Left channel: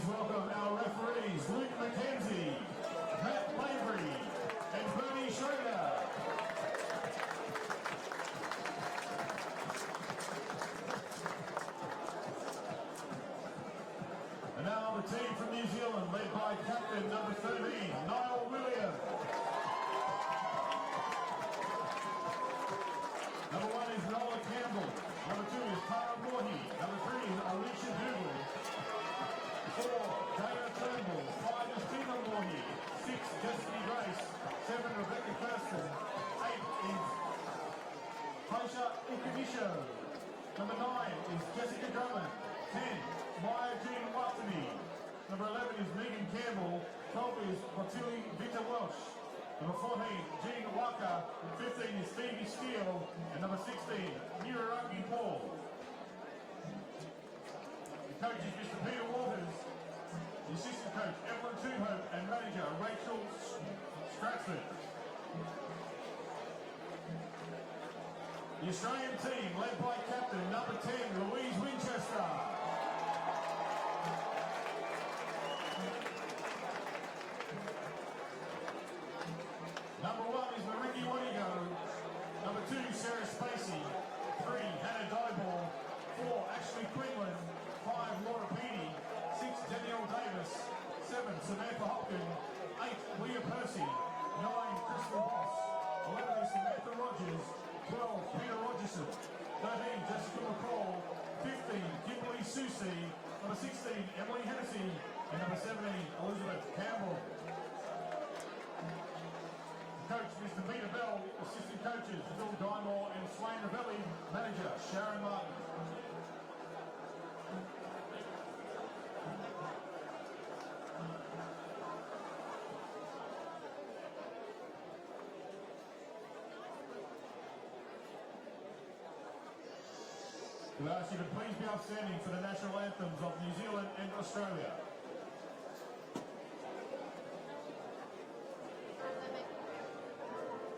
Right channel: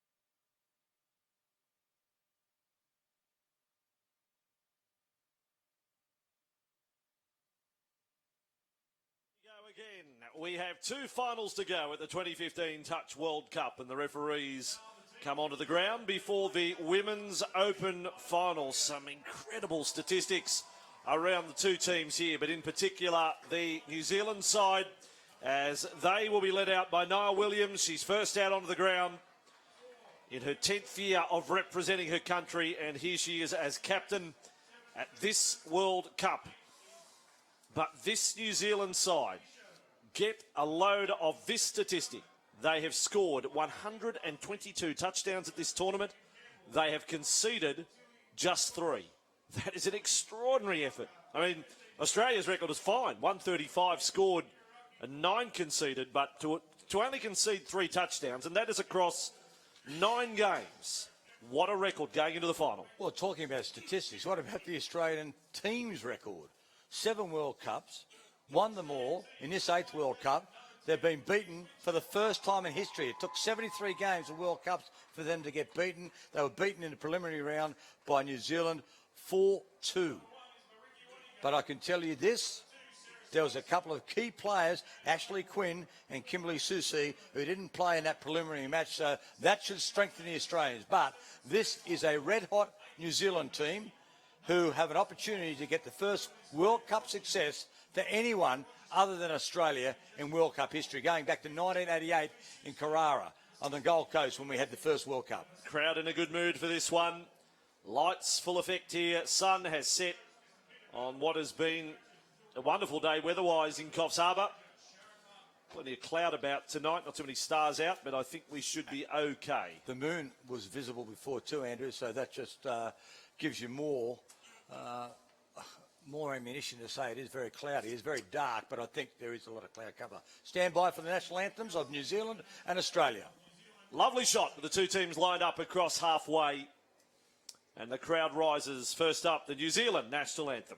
please welcome our referees, Luke McKenzie, Matt Lavery, and Bernie Schroeder. We have two finals to go at the 2015 Touch World Cup, and the referees come onto the ground before the Women's Open Finals. Some incredible statistics around the two teams here, but in particular the New Zealand side, as they will be led out by Niall Williams. She's first out onto the ground in her 10th year of representing her country, and here she is as captain at this World Cup. But this New Zealand side, get a load of this statistic. They have scored 122 touchdowns at this tournament. They have conceded just 3. That is an extraordinary effort. I mean, Australia's record is fine. 135 scored and 9 conceded, but to only concede 3 touchdowns, and that is across 9 games. What a record going into the final. Well, talking about statistics, what about the Australian team's record? 7 World Cups, won them all. In this 8th World Cup, they've been beaten for the first time in history. It took 73 games of World Cup for them to get beaten. They were beaten in the preliminary round by New Zealand 4-2. But I can tell you this, there was a couple of key players, Ashley Quinn and Kimberly Susie, who didn't play in that preliminary match, so that should strengthen the Australians. But this is a red-hot New Zealand team who have an opportunity to get the first World Cup success to anyone other than Australia in World Cup history, going back to 1988 in Carrara on the Gold Coast when we had the first World Cup. Crowd in a good mood for this one. Lights full effect here. Sun has set on what has been a wonderful day weather-wise in Coffs Harbour. Plenty of cloud about tonight, not too many stars out, but I think we should be okay. The moon was visible before too, Andrew, so that just gives you more ammunition to say it is very cloudy. It's very dark, but I think there is a lot of cloud cover. Stand by for the national anthems of New Zealand and Australia. Lovely shot. The two teams lined up across halfway, and the crowd rises. First up, the New Zealand national anthem.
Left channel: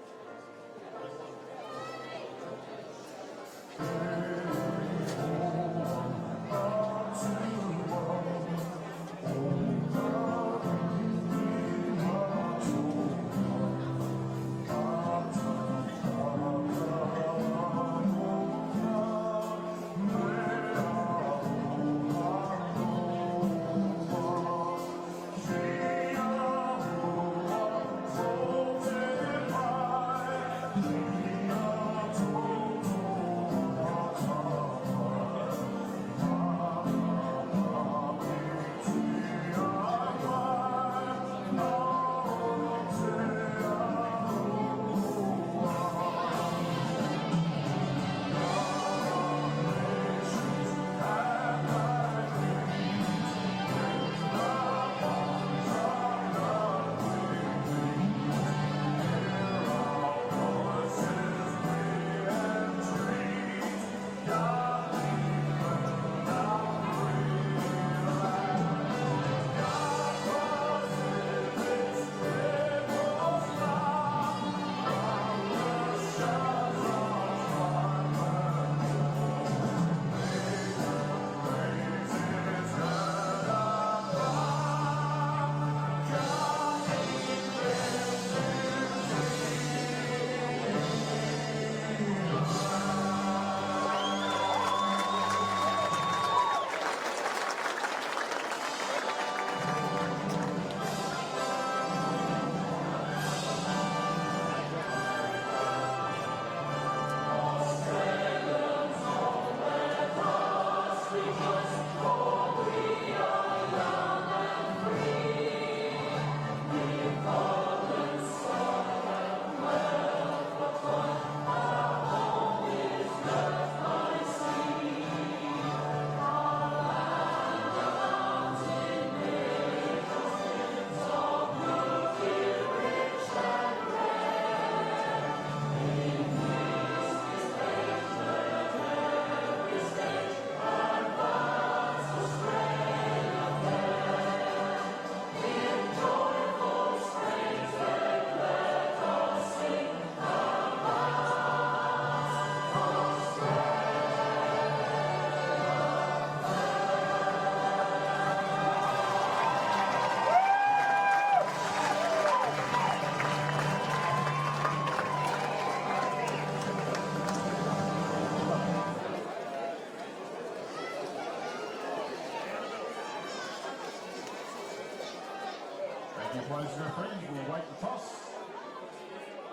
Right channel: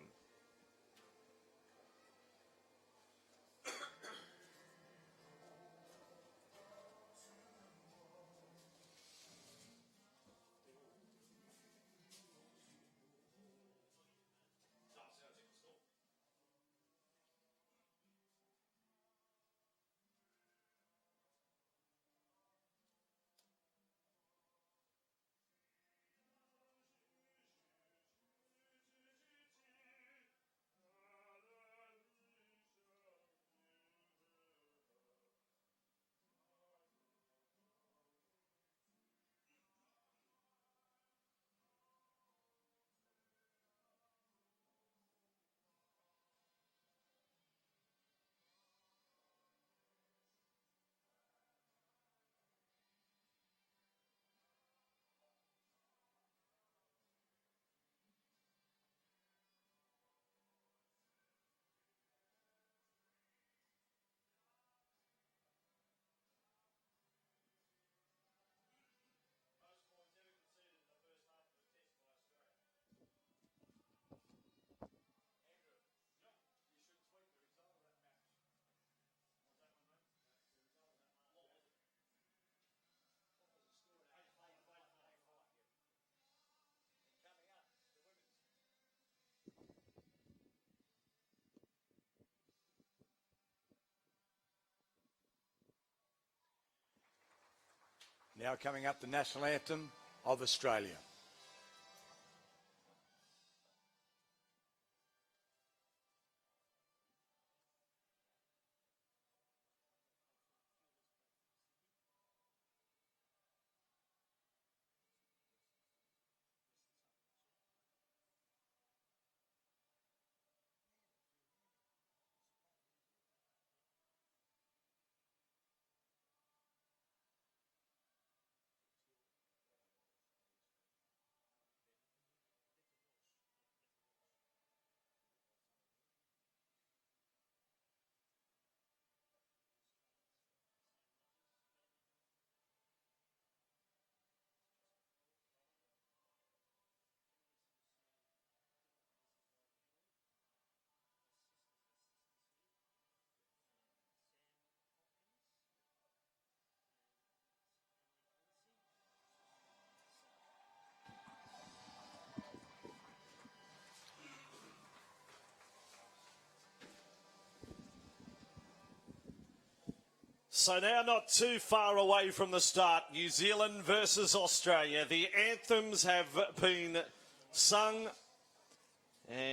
So now not too far away from the start. New Zealand versus Australia. The anthems have been sung.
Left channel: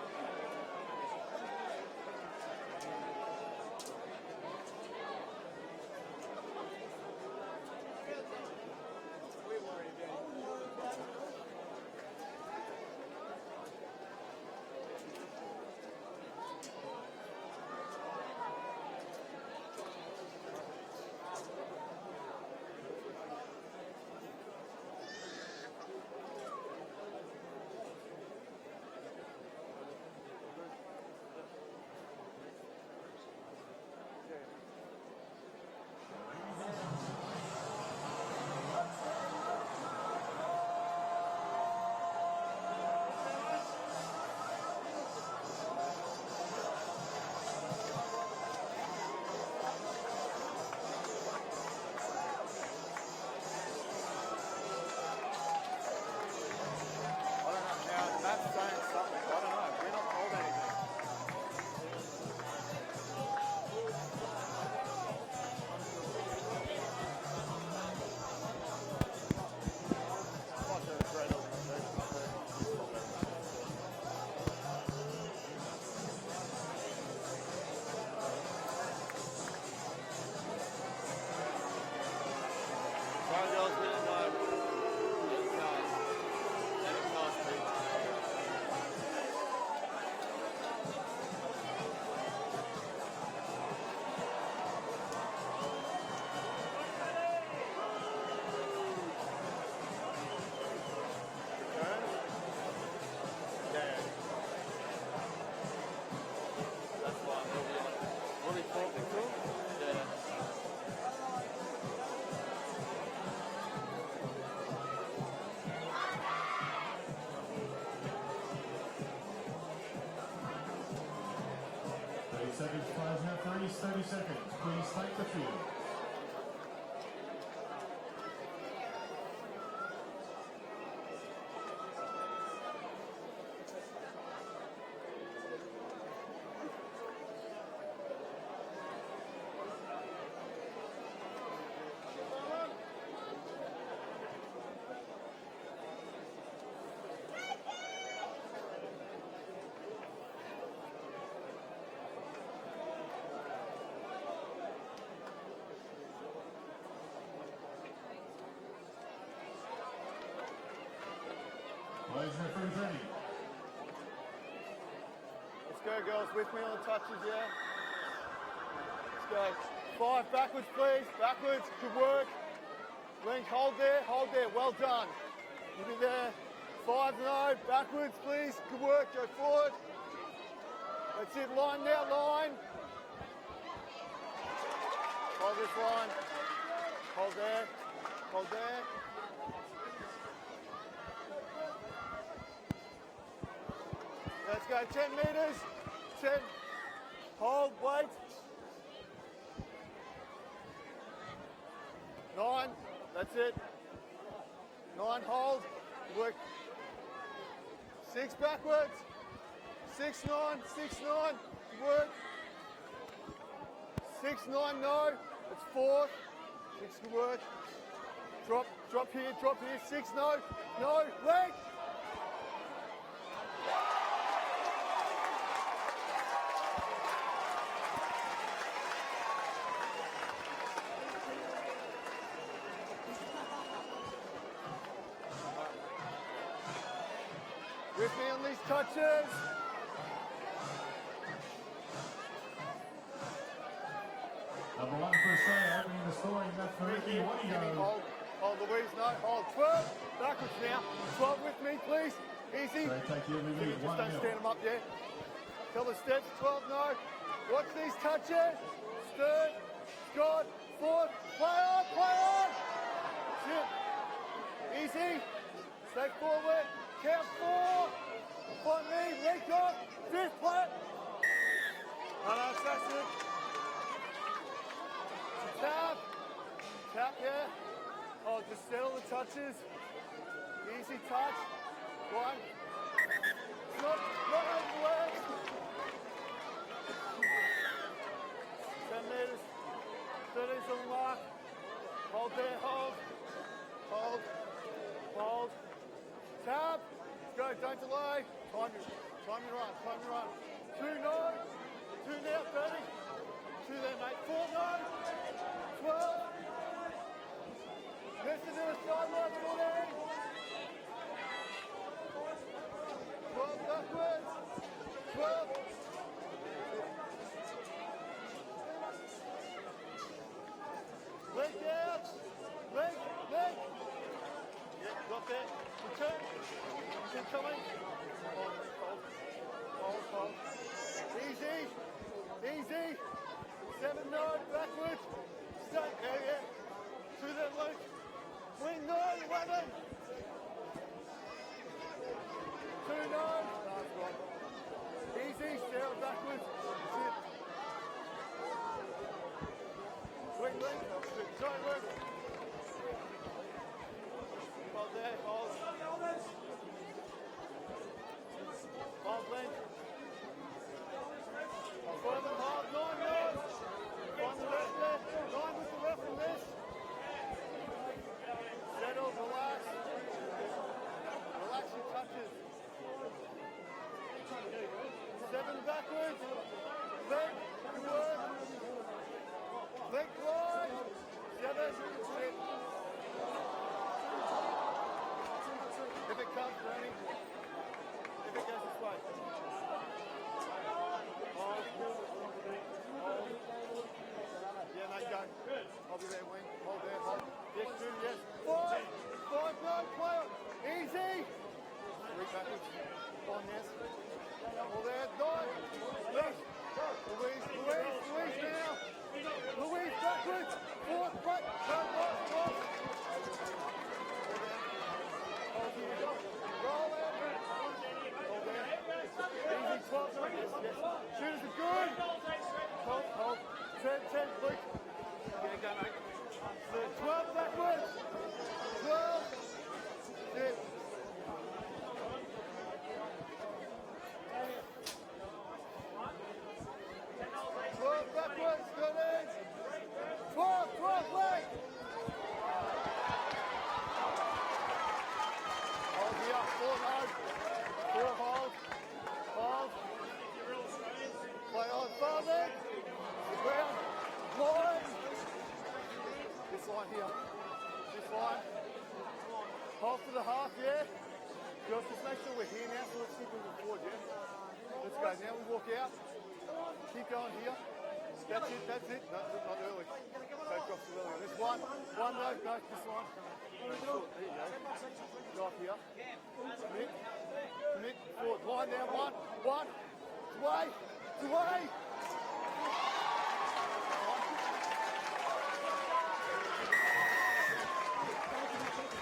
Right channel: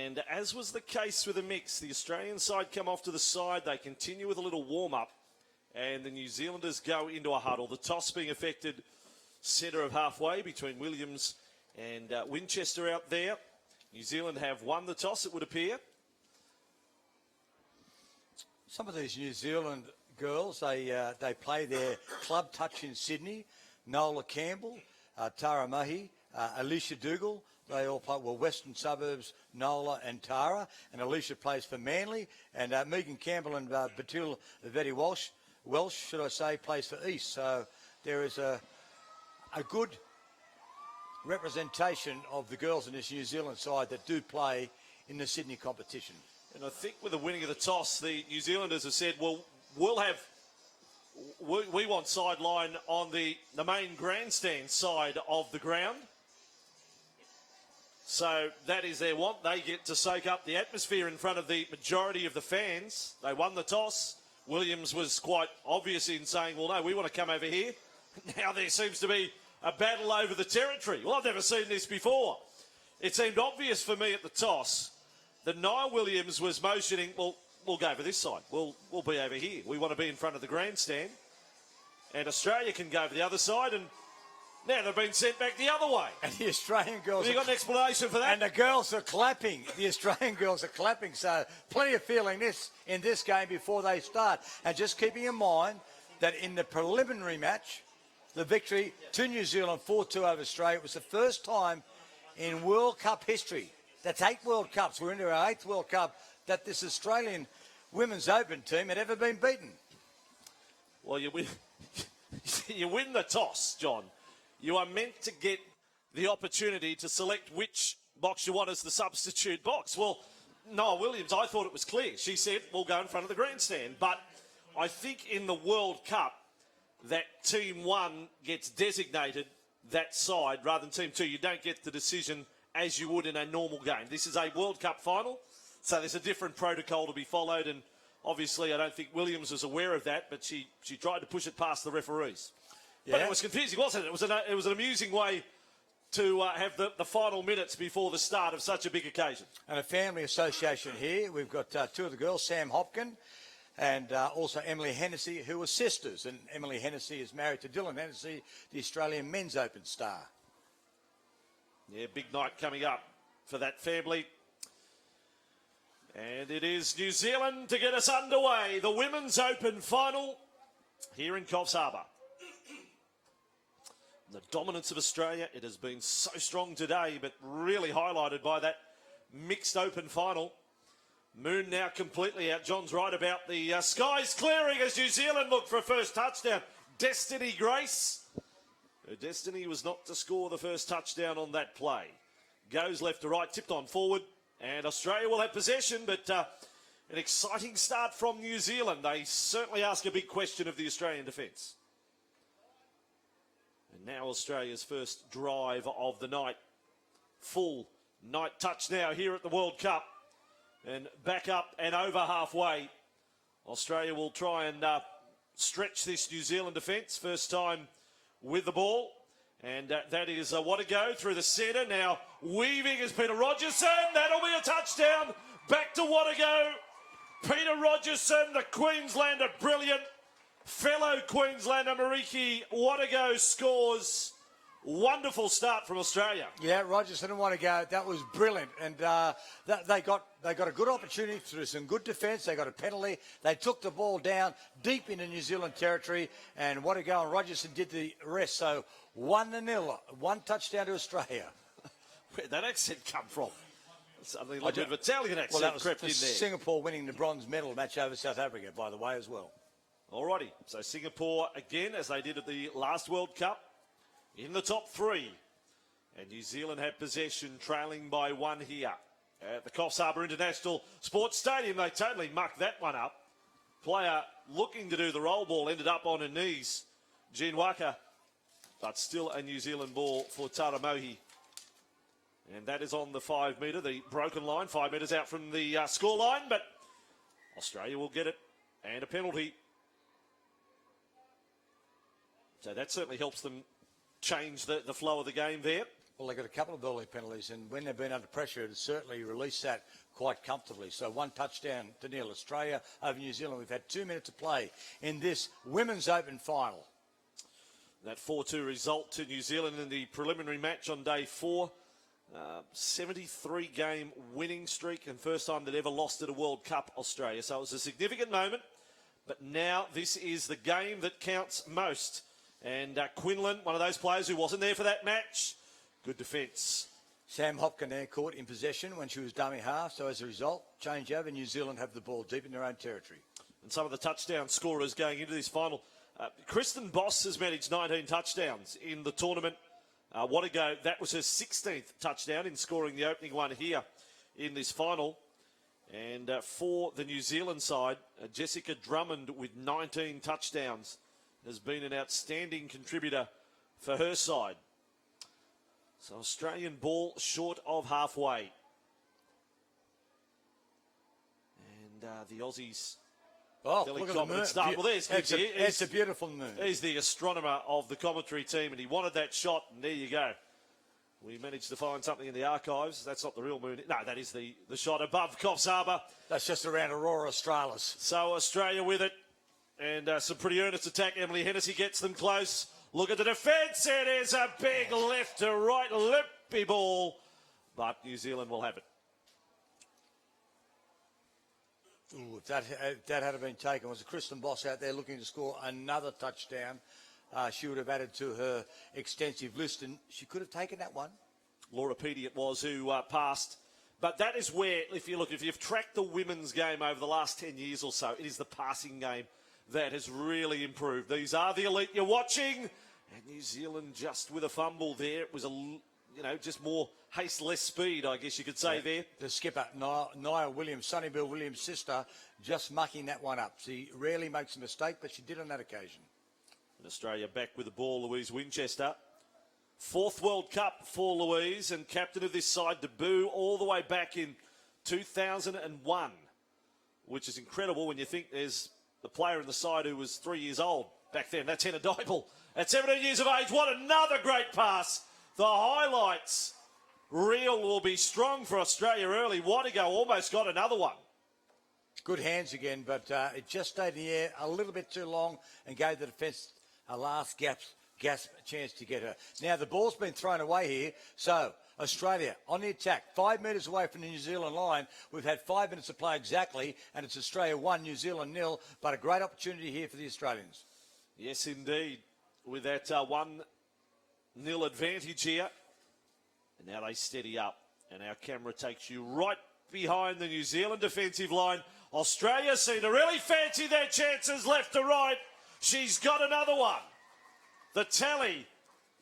And as was the case with the mix, the Australian side come off to the side. They continue with a little warm-up. And the New Zealanders go into a huddle. The toss being affected centre of halfway between Williams and Winchester out there. New Zealand have won the toss, it would appear. Some of these New Zealand girls, they play their club touch in Sydney. Nola Campbell, Tara Mahi, Alicia Dougal. They all play, well, Western Suburbs, Nola and Tara. And Alicia plays for Manly. And Megan Campbell and Batul Vetti Welsh, should I say, plays for East. So there is a good representation of the girls in this New Zealand side that do play in the Sydney competition. And I think with the winning of the toss, the New Zealanders have said, well, we want sideline on the main grandstand side of the ground. So that is their want. They get to soak up the atmosphere in front of the majority of the fans. They won the toss. Williams was quite obvious in saying, well, no, we want to come over here. Now there seems to be a battle over the territory. Well, I've never seen this before. It seemed obvious for me at the toss that Niall Williams was motioning, well, we'll go over this side. We'll be over here. We want to be in front of the grandstand. And Australia can go to the other side. And now they've been sent back the other way. And the Australian girls... Have you got an explanation for that? And the girls are clapping. The Australian girls are clapping. So plenty of feeling in this game before they start. And just keeping in mind that in the preliminary match, the victory to New Zealand 4-2 over Australia was the first time in World Cup history. That's 8 World Cups. We're into our 8th World Cup that this Australian Women's Open team had ever been beaten. Well, you win the toss, John. You are meant to get the opportunity to select which box you want as the substitute box. Well, Noah Williams, I thought it was clear. She said, we'll go in front of the grandstand. But I think in the World Cup, that Team 1 gets designated that side rather than Team 2. You don't get the decision as you would in a normal game. This is a World Cup final, so there's a different protocol to be followed. And obviously, I don't think Williams was aware of that, but she tried to push it past the referees. Yeah. But it was confusing, wasn't it? It was an amusing way to have the final minutes before the start of such a big occasion. And a family association here. We've got 2 of the girls, Sam Hopkin and also Emily Hennessy, who are sisters. And Emily Hennessy is married to Dylan Hennessy, the Australian Men's Open star. Yeah, big night coming up for that family. Let's go, girls. And it is New Zealand to get us underway. The Women's Open final backwards, please. Here in Coffs Harbour. Link, hold there, hold there. Dominance of Australia. It has been so strong today, but really highlighted by that mixed open final. Moon now completely out. John's right about the skies clearing as New Zealand look for a first touchdown. Destiny Grace. Her destiny was not to score the first touchdown on that play. Goes left to right, tipped on forward, and Australia will have possession, but an exciting start from New Zealand. They certainly ask a big question of the Australian defence. 9, that's it. Now Australia's first drive of the night. Full night touch now here at the World Cup. 6-9, 6-9. And back up and over halfway. Australia will try and stretch this New Zealand defence. First time with the ball. And that is what a go through the centre. Now weaving is Peter Rogerson. That'll be a touchdown. Back to what a go. Peter Rogerson, the Queenslander, brilliant. Fellow Queenslander Mariki Wanago scores. Wonderful start from Australia. Yeah, Rogerson and Wanago, that was brilliant. And they got a good opportunity through some good defence. They got a penalty. They took the ball down deep into New Zealand territory, and Wanago and Rogerson did the rest. So 1-0, 1 touchdown to Australia. Where'd that accent come from? Something like an Italian accent. Well, that was Singapore winning the bronze medal match over South Africa, by the way, as well. Alrighty, so Singapore again, as they did at the last World Cup, in the top 3. And New Zealand have possession, trailing by 1 here. At the Coffs Harbour International Sports Stadium, they totally mucked that one up. Player looking to do the roll ball ended up on her knees. Jean Waka, but still a New Zealand ball for Tara Mohi. And that is on the 5 metre, the broken line, 5 metres out from the score line, but Australia will get it, and a penalty. It certainly helps them change the flow of the game there. Well, they got a couple of early penalties, and when they've been under pressure, it's certainly released that quite comfortably. So 1 touchdown to nil. Australia over New Zealand. We've had 2 minutes to play in this Women's Open final. That 4-2 result to New Zealand in the preliminary match on day 4. 73-game winning streak, and first time they'd ever lost at a World Cup, Australia. So it was a significant moment, but now this is the game that counts most. And Quinlan, one of those players who wasn't there for that match, good defence. Sam Hopkin there caught in possession when she was dummy half, so as a result, change over. New Zealand have the ball deep in their own territory. Some of the touchdown scorers going into this final. Kristen Boss has managed 19 touchdowns in the tournament. What a go. That was her 16th touchdown in scoring the opening one here in this final. And for the New Zealand side, Jessica Drummond with 19 touchdowns has been an outstanding contributor for her side. So Australian ball short of halfway. The Aussies. Oh, look at the moon. Well, It's a beautiful moon. He's the astronomer of the commentary team, and he wanted that shot, and there you go. We managed to find something in the archives. That's not the real moon. No, that is the shot above Coffs Harbour. That's just around Aurora Australis. So Australia with it, and some pretty earnest attack. Emily Hennessy gets them close. Look at the defence. It is a big left to right loopy ball, but New Zealand will have it. That had been taken. Was Kristen Boss out there looking to score another touchdown? She would have added to her extensive list, and she could have taken that one. Laura Petey it was who passed. But that is where, if you've tracked the women's game over the last 10 years or so, it is the passing game that has really improved. These are the elite you're watching. New Zealand just with a fumble there. It was just more haste, less speed, I guess you could say there. The skipper, Nia Williams, Sonny Bill Williams' sister, just mucking that one up. She rarely makes a mistake, but she did on that occasion. Australia back with the ball, Louise Winchester. 4th World Cup for Louise, and captain of this side, debut all the way back in 2001, which is incredible when you think there's a player in the side who was 3 years old back then. That's Hannah Dipel. At 17 years of age, what another great pass. The highlights reel will be strong for Australia early. What a go, almost got another one. Good hands again, but it just stayed in the air a little bit too long and gave the defence a last gasp chance to get her. Now the ball's been thrown away here, so Australia on the attack, 5 metres away from the New Zealand line. We've had 5 minutes to play exactly, and it's Australia 1, New Zealand 0, but a great opportunity here for the Australians. Yes, indeed, with that 1-0 advantage here. Now they steady up, and our camera takes you right behind the New Zealand defensive line. Australia seem to really fancy their chances left to right. She's got another one. The tally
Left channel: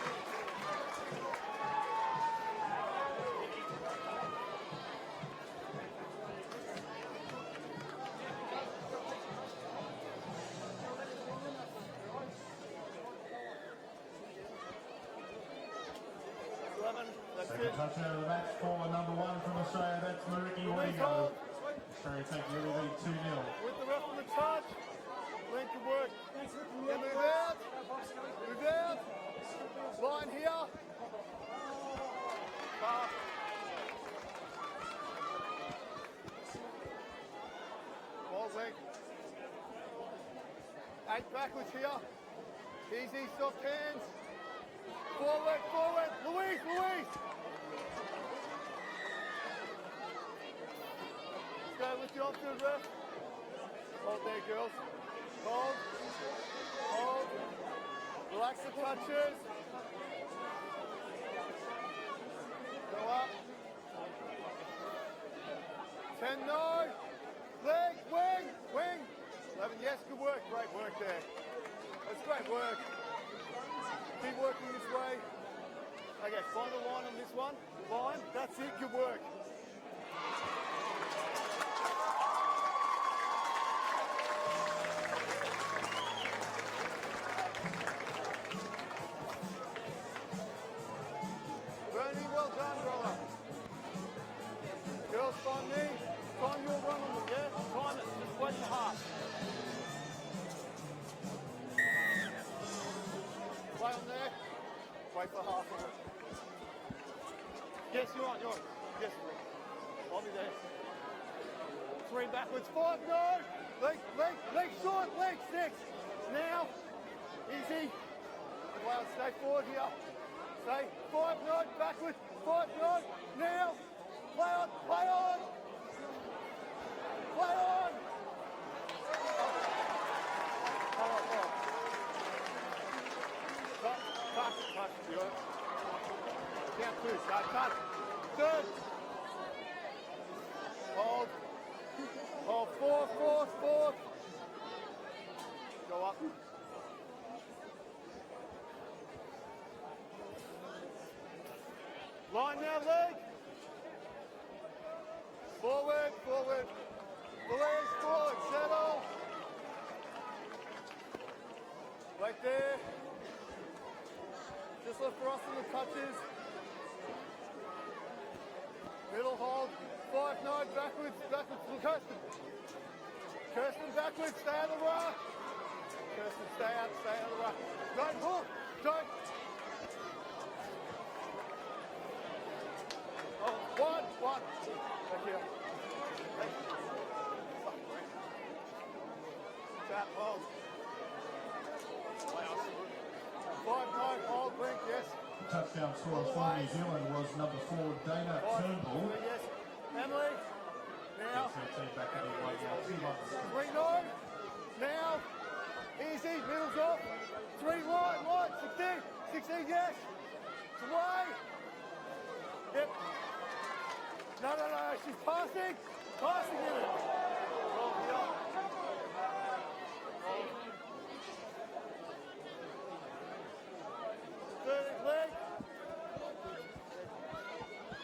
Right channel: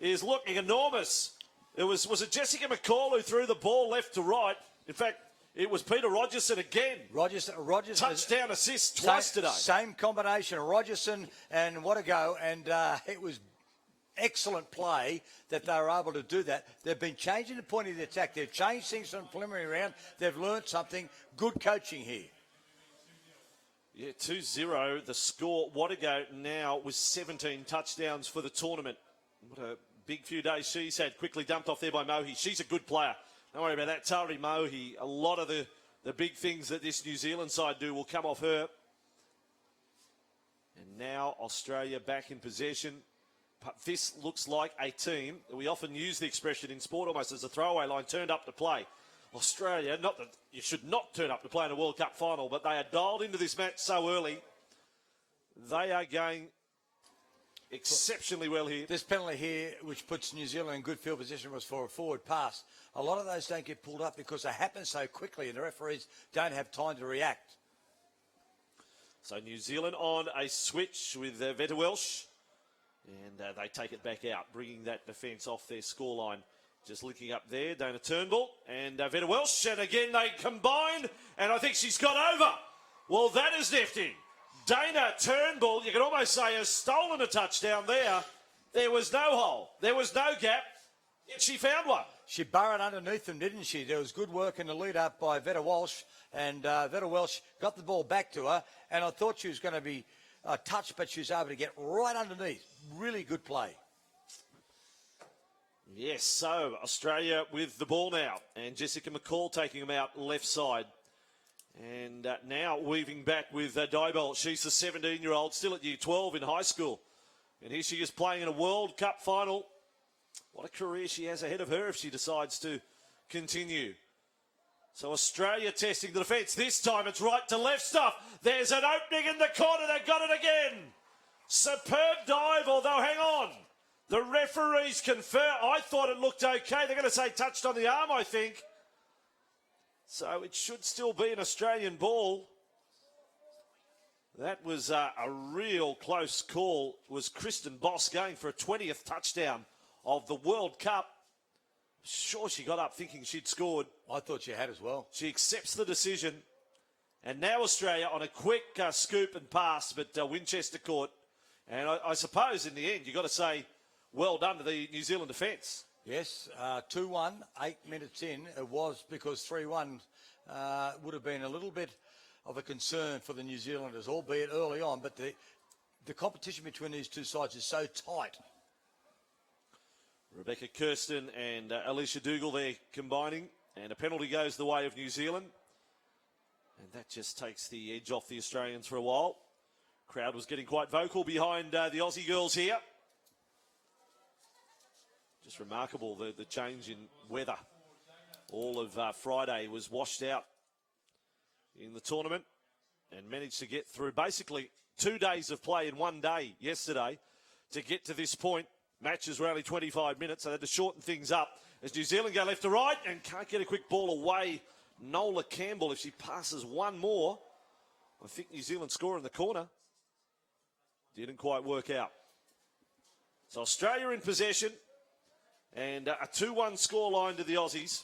is looking enormous. Was it Jessica McCall who threw the ball left to right? In fact, it was Peter Rogerson again. Rogerson touchdown assist twice today. Same combination of Rogerson and what a go, and it was excellent play that they were able to do that. They've been changing the point of the attack. They've changed things from the preliminary round. They've learned something. Good coaching here. 2-0 the score. What a go now with 17 touchdowns for the tournament. A big few days she's had, quickly dumped off there by Mohi. She's a good player. Don't worry about that. Tari Mohi, a lot of the big things that this New Zealand side do will come off her. Now Australia back in possession. This looks like a team. We often use the expression in sport almost as a throwaway line, turned up to play. Australia, you should not turn up to play in a World Cup final, but they are dialed into this match so early. They are going exceptionally well here. This penalty here, which puts New Zealand in good field position, was for a forward pass. A lot of those don't get pulled up because they happen so quickly and the referees don't have time to react. So New Zealand on a switch with Veta Welsh. And they take it back out, bringing that defence off their scoreline. Just looking up there, Dana Turnbull and Veta Welsh. And again, they combine, and I think she's got over. Well, that is nifty. Dana Turnbull, you can almost say, has stolen a touchdown there. There was no hole. There was no gap. She found one. She burrowed underneath them, didn't she? There was good work in the lead up by Veta Walsh, and Veta Walsh got the ball back to her, and I thought she was going to be a touch, but she was able to get right underneath. Really good play. Play on there. Wait for half of it. Yes, so Australia with the ball now, and Jessica McCall taking them out left side. And now weaving back with Diebold. She's a 17-year-old, still at year 12 in high school. And here she is playing in a World Cup final. What a career she has ahead of her if she decides to continue. So Australia testing the defence. This time it's right to left stuff. There's an opening in the corner. They've got it again. Superb dive, although hang on. The referees confirm. I thought it looked okay. They're going to say touched on the arm, I think. So it should still be an Australian ball. Fourth. That was a real close call. Was Kristen Boss going for a 20th touchdown of the World Cup. Sure, she got up thinking she'd scored. I thought she had as well. She accepts the decision. And now Australia on a quick scoop and pass, but Winchester caught. And I suppose in the end, you've got to say, well done to the New Zealand defence. Yes, 2-1, 8 minutes in. It was because 3-1 would have been a little bit of a concern for the New Zealanders, albeit early on. But the competition between these two sides is so tight. Rebecca Kirsten and Alicia Dougal there combining. And the penalty goes the way of New Zealand. That just takes the edge off the Australians for a while. The crowd was getting quite vocal behind the Aussie girls here. It's remarkable the change in weather. All of Friday was washed out in the tournament. Managed to get through basically 2 days of play in 1 day yesterday to get to this point. Matches were only 25 minutes, so they had to shorten things up as New Zealand go left to right and can't get a quick ball away. Nola Campbell, if she passes one more, I think New Zealand score in the corner. Didn't quite work out. So Australia in possession and a 2-1 scoreline to the Aussies.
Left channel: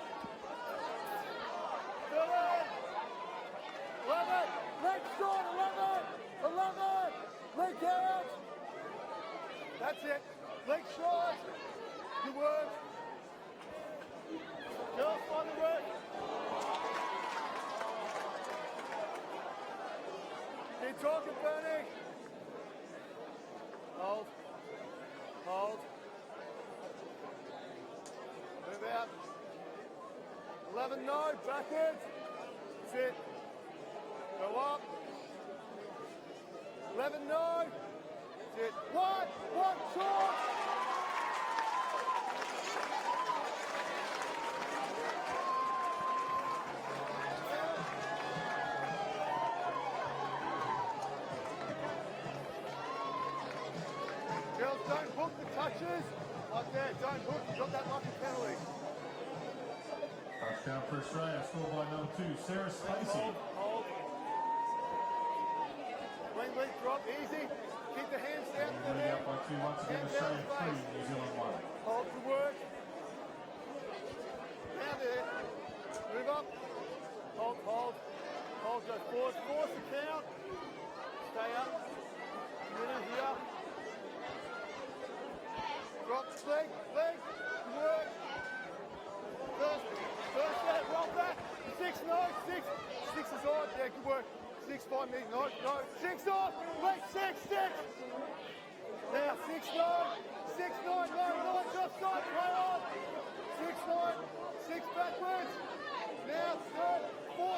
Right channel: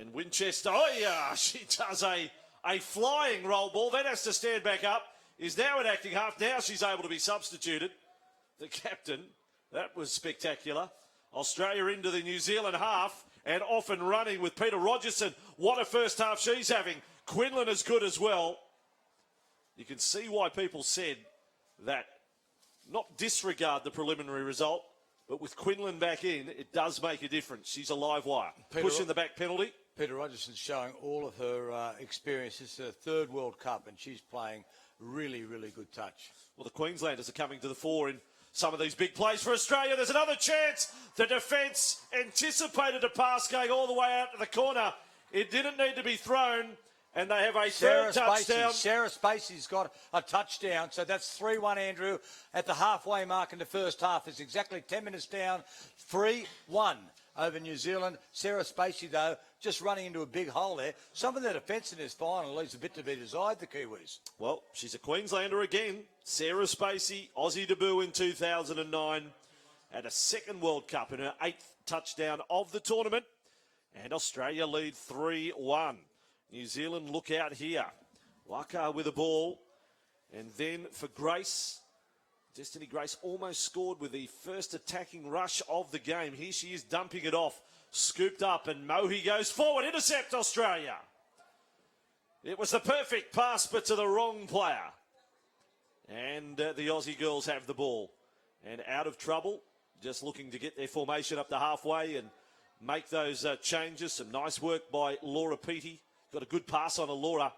And Winchester, oh yeah, she does a flying roll ball, then has to stand back up. Is now at acting half. Now she's able to be substituted. The captain, that was spectacular. Australia into the New Zealand half and off and running with Peter Rogerson. What a first half she's having. Quinlan is good as well. You can see why people said that not disregard the preliminary result, but with Quinlan back in, it does make a difference. She's a live wire. Pushing the back penalty. Peter Rogerson's shown all of her experience. It's her third World Cup, and she's playing really, really good touch. Well, the Queenslanders are coming to the fore in some of these big plays for Australia. There's another chance. The defence anticipated a pass going all the way out to the corner. It didn't need to be thrown, and they have a third touchdown. Sarah Spacey's got a touchdown, so that's 3-1, Andrew. At the halfway mark in the first half, it's exactly 10 minutes down, 3-1 over New Zealand. Sarah Spacey, though, just running into a big hole there. Some of the defence in this final leaves a bit to be desired, the Kiwis. Well, she's a Queenslander again. Sarah Spacey, Aussie debut in 2009, and a second World Cup and her 8th touchdown of the tournament. And Australia lead 3-1. New Zealand look out here. Waka with the ball, and then for Grace. Justina Grace almost scored with the first attacking rush of the game. Here she is dumping it off, scooped up, and Mohi goes forward, intercept Australia. It was the perfect pass, but to the wrong player. And the Aussie girls have the ball. And out of trouble, just looking to get their formation up to halfway and make those changes. Some nice work by Laura Peaty. Got a good pass on Laura.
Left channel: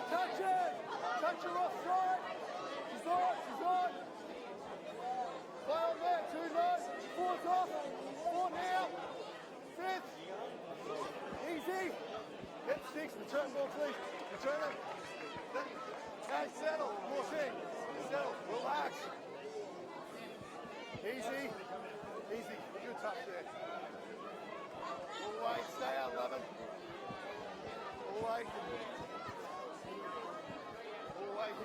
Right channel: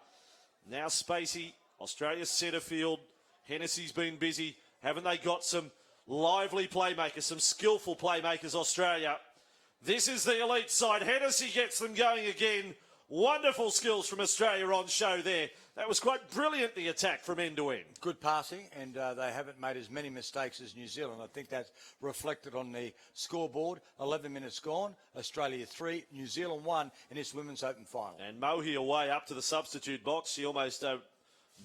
Now Spacey, Australia's centre field. Hennessy's been busy. Haven't they got some lively playmakers, some skillful playmakers, Australia? This is the elite side. Hennessy gets them going again. Wonderful skills from Australia on show there. That was quite brilliant, the attack from end to end. Good passing, and they haven't made as many mistakes as New Zealand. I think that's reflected on the scoreboard. 11 minutes gone. Australia 3, New Zealand 1 in this women's open final. And Mohi away up to the substitute box. She almost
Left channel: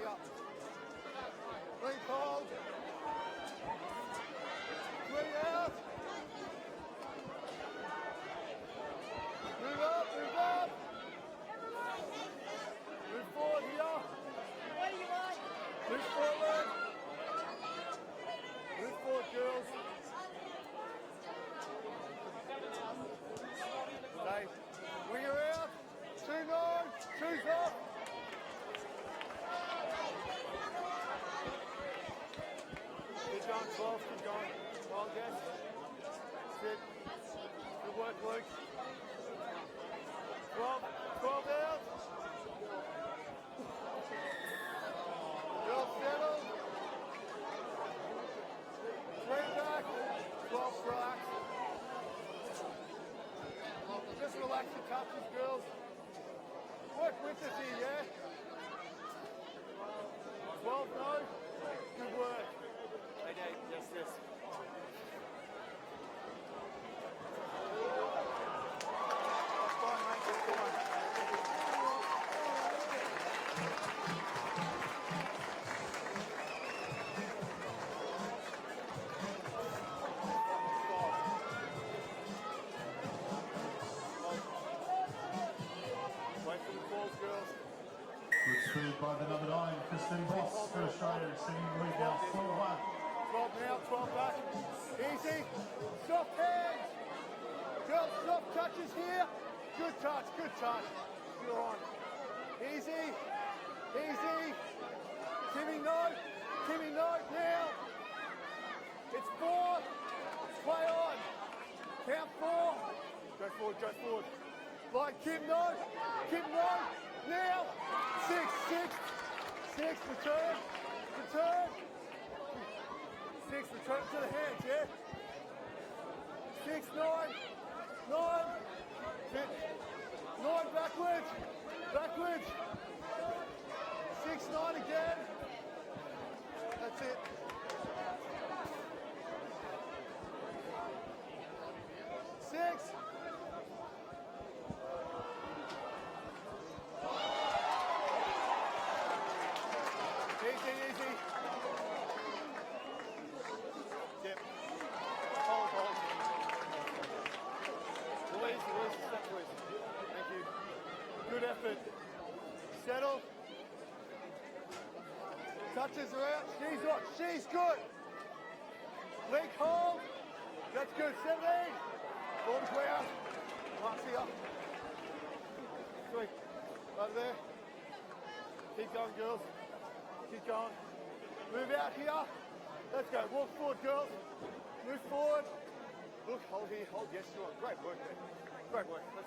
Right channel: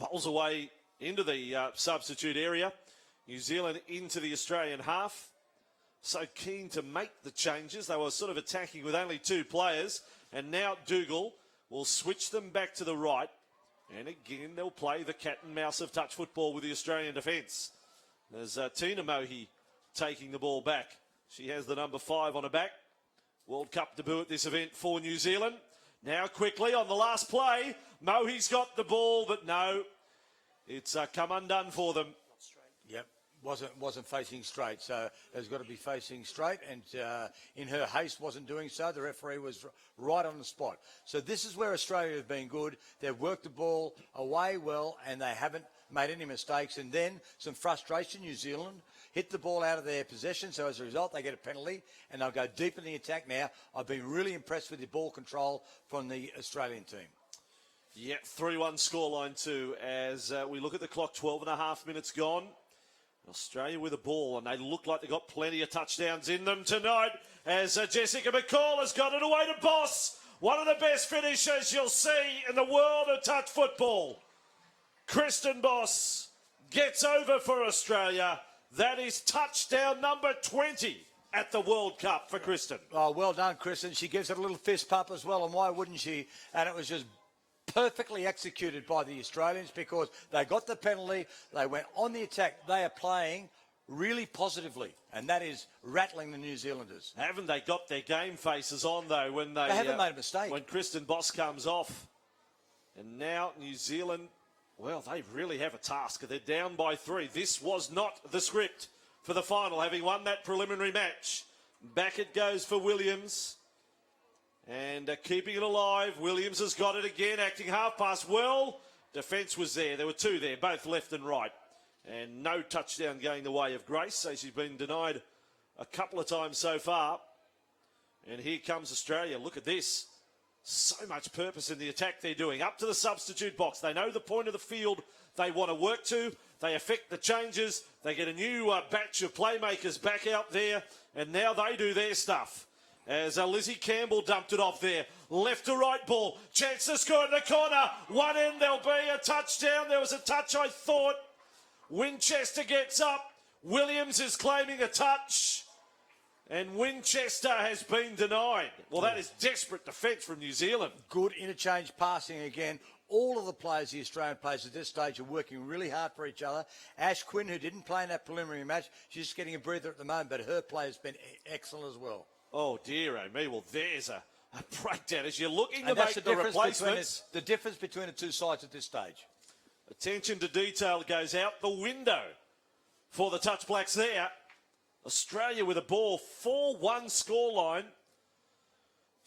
pulls away into the substitute area. New Zealand into the Australian half. So keen to make the changes. They were sort of attacking with only 2 players. And now Dougal will switch them back to the right. And again, they'll play the cat and mouse of touch football with the Australian defence. There's Tina Mohi taking the ball back. She has the number 5 on her back. World Cup debut at this event for New Zealand. Now quickly on the last play. Mohi's got the ball, but no. it's come undone for them. Yep, wasn't facing straight, so has got to be facing straight, and in her haste wasn't doing so. The referee was right on the spot. So this is where Australia have been good. They've worked the ball away well, and they haven't made any mistakes. And then some frustration. New Zealand hit the ball out of their possession, so as a result they get a penalty, and they'll go deep in the attack now. I've been really impressed with the ball control from the Australian team. Yeah, 3-1 scoreline too, as we look at the clock, 12 and a half minutes gone. Australia with the ball, and they look like they've got plenty of touchdowns in them tonight, as Jessica McCall has got it away to Boss. One of the best finishers you'll see in the world of touch football. Kristen Boss gets over for Australia. That is touchdown number 20 at the World Cup for Kristen. Oh, well done, Kristen. She gives it a little fist pump as well, and why wouldn't she? And it was just perfectly executed by the Australians, because they got the penalty, they went on the attack. They are playing really positively, and that is rattling the New Zealanders. Haven't they got their game faces on though when they haven't made a mistake. When Kristen Boss comes off. And now New Zealand, well, they really have a task. They're down by 3. This was not the script for the final, having won that preliminary match. Back it goes for Williams. And keeping it alive. Williams has got it again, acting half pass well. Defence was there. There were 2 there, both left and right. And no touchdown going the way of Grace, so she's been denied a couple of times so far. And here comes Australia. Look at this. So much purpose in the attack they're doing. Up to the substitute box. They know the point of the field they want to work to. They effect the changes. They get a new batch of playmakers back out there. And now they do their stuff. As Lizzie Campbell dumped it off there. Left to right ball. Chance to score in the corner. One end, there'll be a touchdown. There was a touch, I thought. Winchester gets up. Williams is claiming a touch. And Winchester has been denied. Well, that is desperate defence from New Zealand. Good interchange passing again. All of the players, the Australian players at this stage, are working really hard for each other. Ash Quinn, who didn't play in that preliminary match, she's just getting a breather at the moment, but her play has been excellent as well. Oh, dear, me. Well, there's a breakdown as you're looking to And that's make the replacements. the difference between the two sides at this stage. Attention to detail goes out the window for the Touch Blacks there. Australia with a ball, 4-1 scoreline.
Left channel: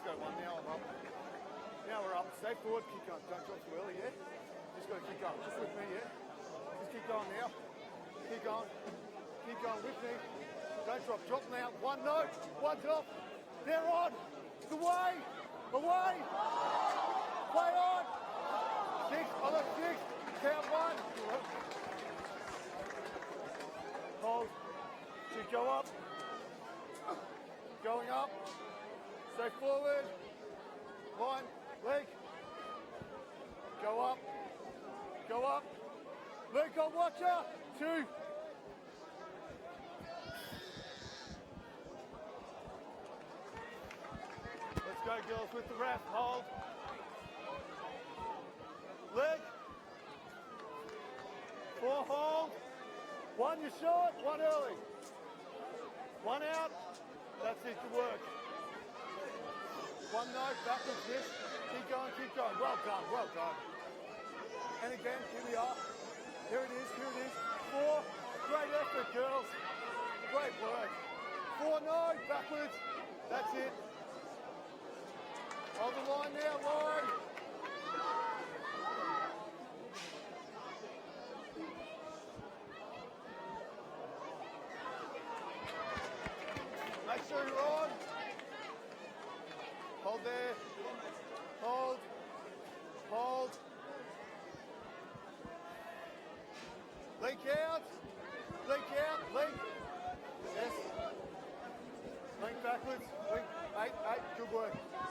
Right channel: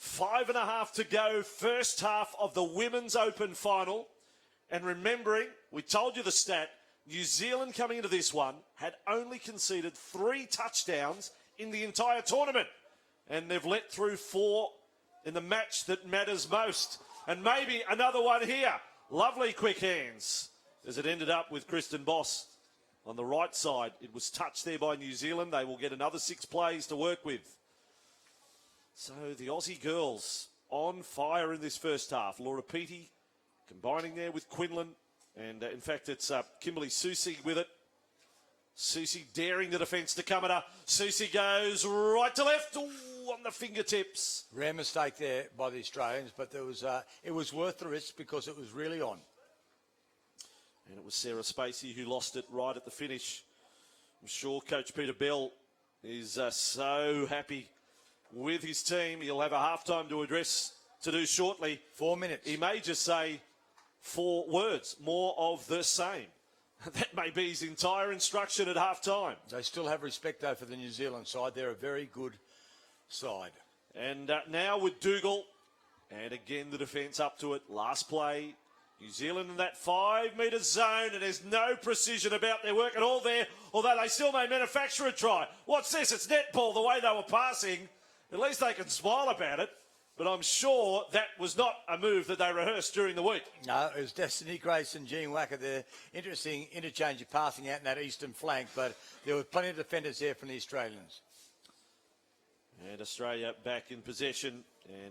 5.5 to go, first half of the Women's Open final. And remembering, we told you the stat, New Zealand coming into this one had only conceded 3 touchdowns in the entire tournament. And they've let through 4 in the match that matters most. And maybe another one here. Lovely quick hands as it ended up with Kristen Boss on the right side. It was touched there by New Zealand. They will get another 6 plays to work with. So the Aussie girls on fire in this first half. Laura Peaty combining there with Quinlan. And in fact, it's Kimberly Susie with it. Susie daring the defence to come at her. Susie goes right to left. Ooh, on the fingertips. Rare mistake there by the Australians, but there was it was worth the risk because it was really on. It was Sarah Spacey who lost it right at the finish. I'm sure Coach Peter Bell is so happy with his team. He'll have a halftime to address to do shortly. 4 minutes. He may just say 4 words, more of the same. That may be his entire instruction at halftime. They still have respect though for the New Zealand side. They're a very good side. And now with Dougal, and again the defence up to it. Last play, New Zealand in that 5-metre zone, and there's no precision about their work at all there, although they still may manufacture a try. What's this? It's netball the way they were passing. At least they can smile about it, but I'm sure that was not a move that they rehearsed during the week. No, it was Destiny Grace and Jean Wacker there. Interesting interchange of passing out in that eastern flank, but there were plenty of defenders there from the Australians. And Australia back in possession.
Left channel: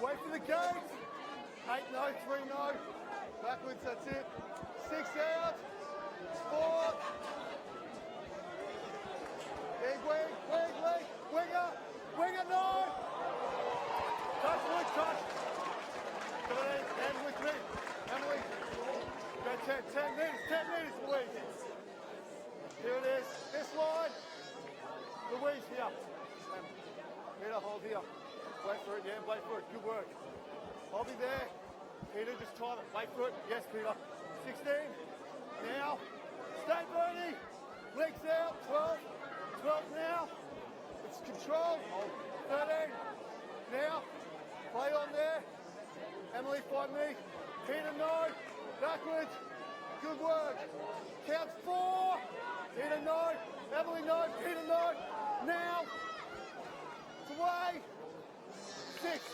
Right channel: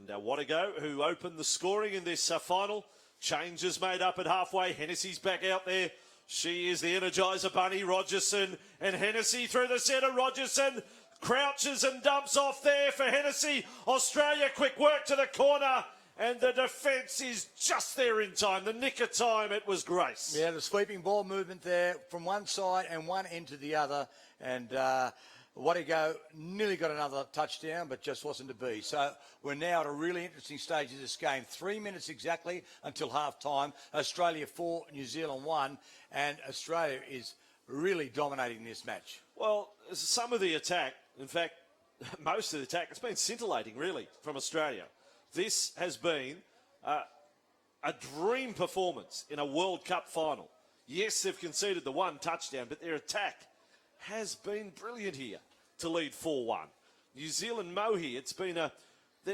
And Wannego, who opened the scoring in this final. Changes made up at halfway. Hennessy's back out there. She is the Energizer Bunny. Rogerson and Hennessy through the centre. Rogerson crouches and dumps off there for Hennessy. Australia, quick work to the corner. And the defence is just there in time. The nick of time, it was Grace. Yeah, the sweeping ball movement there from one side and one end to the other. And Wattigo nearly got another touchdown, but just wasn't to be. So we're now at a really interesting stage of this game. 3 minutes exactly until half-time. Australia 4, New Zealand 1, and Australia is really dominating this match. Well, some of the attack, in fact, most of the attack has been scintillating, really, from Australia. This has been a dream performance in a World Cup final. Yes, they've conceded the one touchdown, but their attack has been brilliant here to lead 4-1. New Zealand Mohi, it's been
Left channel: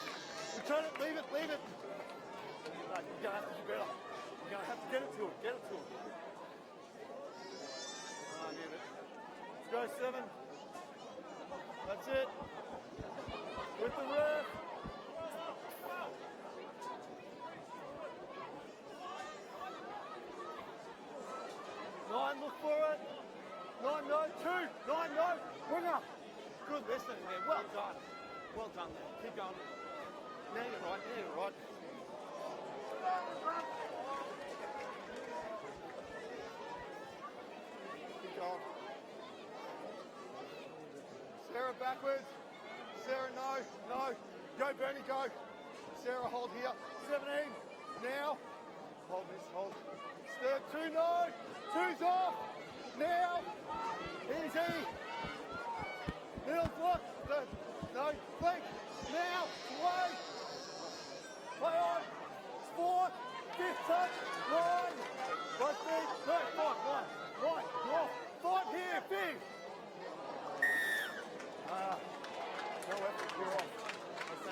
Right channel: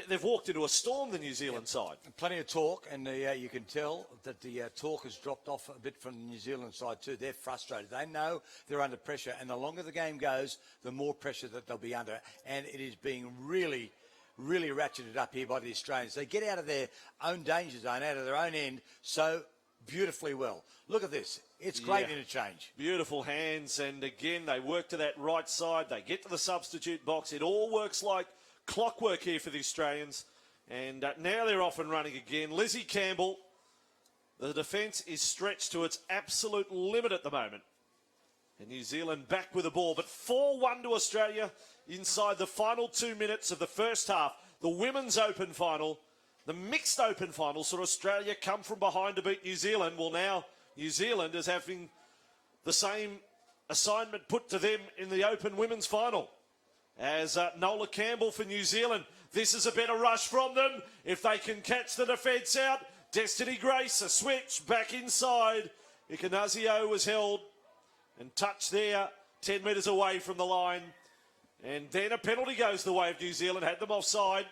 they've walked into a storm, the New Zealand side. Plenty of talk, and you can tell that the talk has dropped off a bit from the New Zealand side too. They're frustrated. They know they're under pressure, and the longer the game goes, the more pressure that they'll be under. And it is being really, really ratcheted up here by the Australians. They get out of their own danger zone, out of their own end, so beautifully well. Look at this. It's great interchange. Beautiful hands, and again, they work to that right side. They get to the substitute box. It all works like clockwork here for the Australians. And now they're off and running again. Lizzie Campbell, the defence is stretched to its absolute limit at the moment. New Zealand back with the ball, but 4-1 to Australia inside the final 2 minutes of the first half. The Women's Open final, the Mixed Open final, so Australia come from behind to beat New Zealand. Well, now New Zealand is having the same assignment put to them in the Open Women's final. As Nola Campbell for New Zealand, this is a better rush from them. If they can catch the defence out, Destiny Grace, a switch back inside. Ikanazio was held in touch there, 10 metres away from the line. And then a penalty goes the way of New Zealand, had them offside.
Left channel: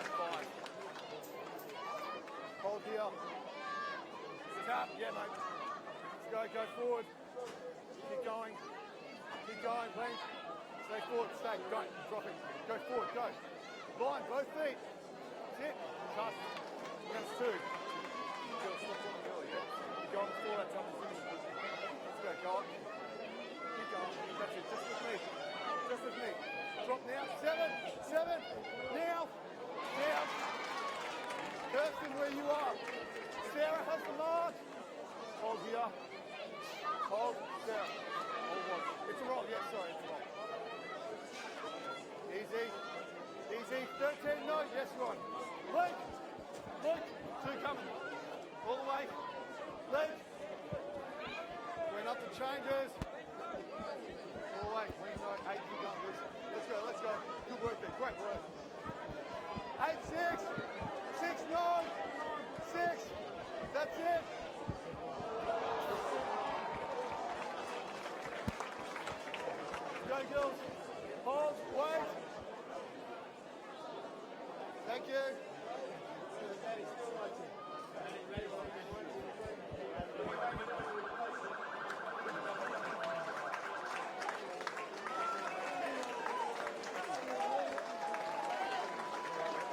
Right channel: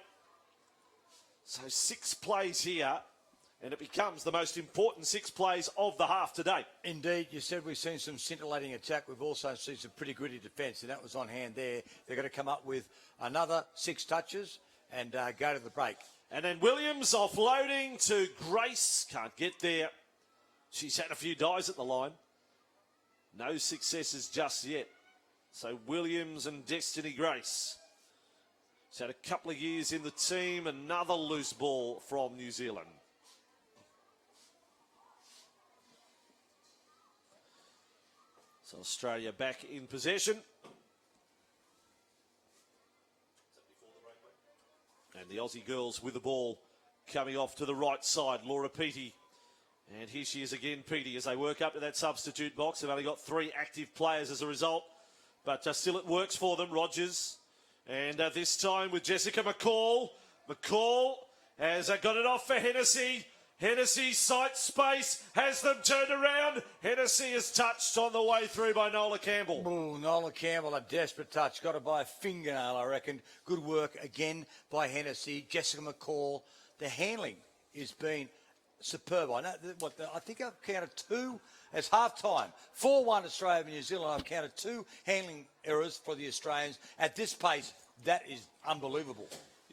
So 6 plays here, and it becomes the most important 6 plays of the half today. Indeed, you said we've seen some scintillating attack. We've also seen some pretty gritty defence, and that was on hand there. They're going to come up with another 6 touches and go to the break. And then Williams offloading to Grace. Can't get there. She's had a few dives at the line. No successes just yet. So Williams and Destiny Grace. So a couple of years in the team, another loose ball from New Zealand. So Australia back in possession. And the Aussie girls with the ball coming off to the right side. Laura Peaty. And here she is again, Peaty, as they work up to that substitute box. They've only got 3 active players as a result. But still it works for them, Rogers. And this time with Jessica McCall. McCall has got it off for Hennessy. Hennessy sight space, has them turned around. Hennessy is touched on the way through by Nola Campbell. Ooh, Nola Campbell, a desperate touch. Got it by a fingernail, I reckon. Good work again by Hennessy. Jessica McCall. The handling has been superb. I think I've counted 2 as half-time. 4-1 Australia and New Zealand. I've counted 2 handling errors for the Australians. At this pace, that is unbelievable.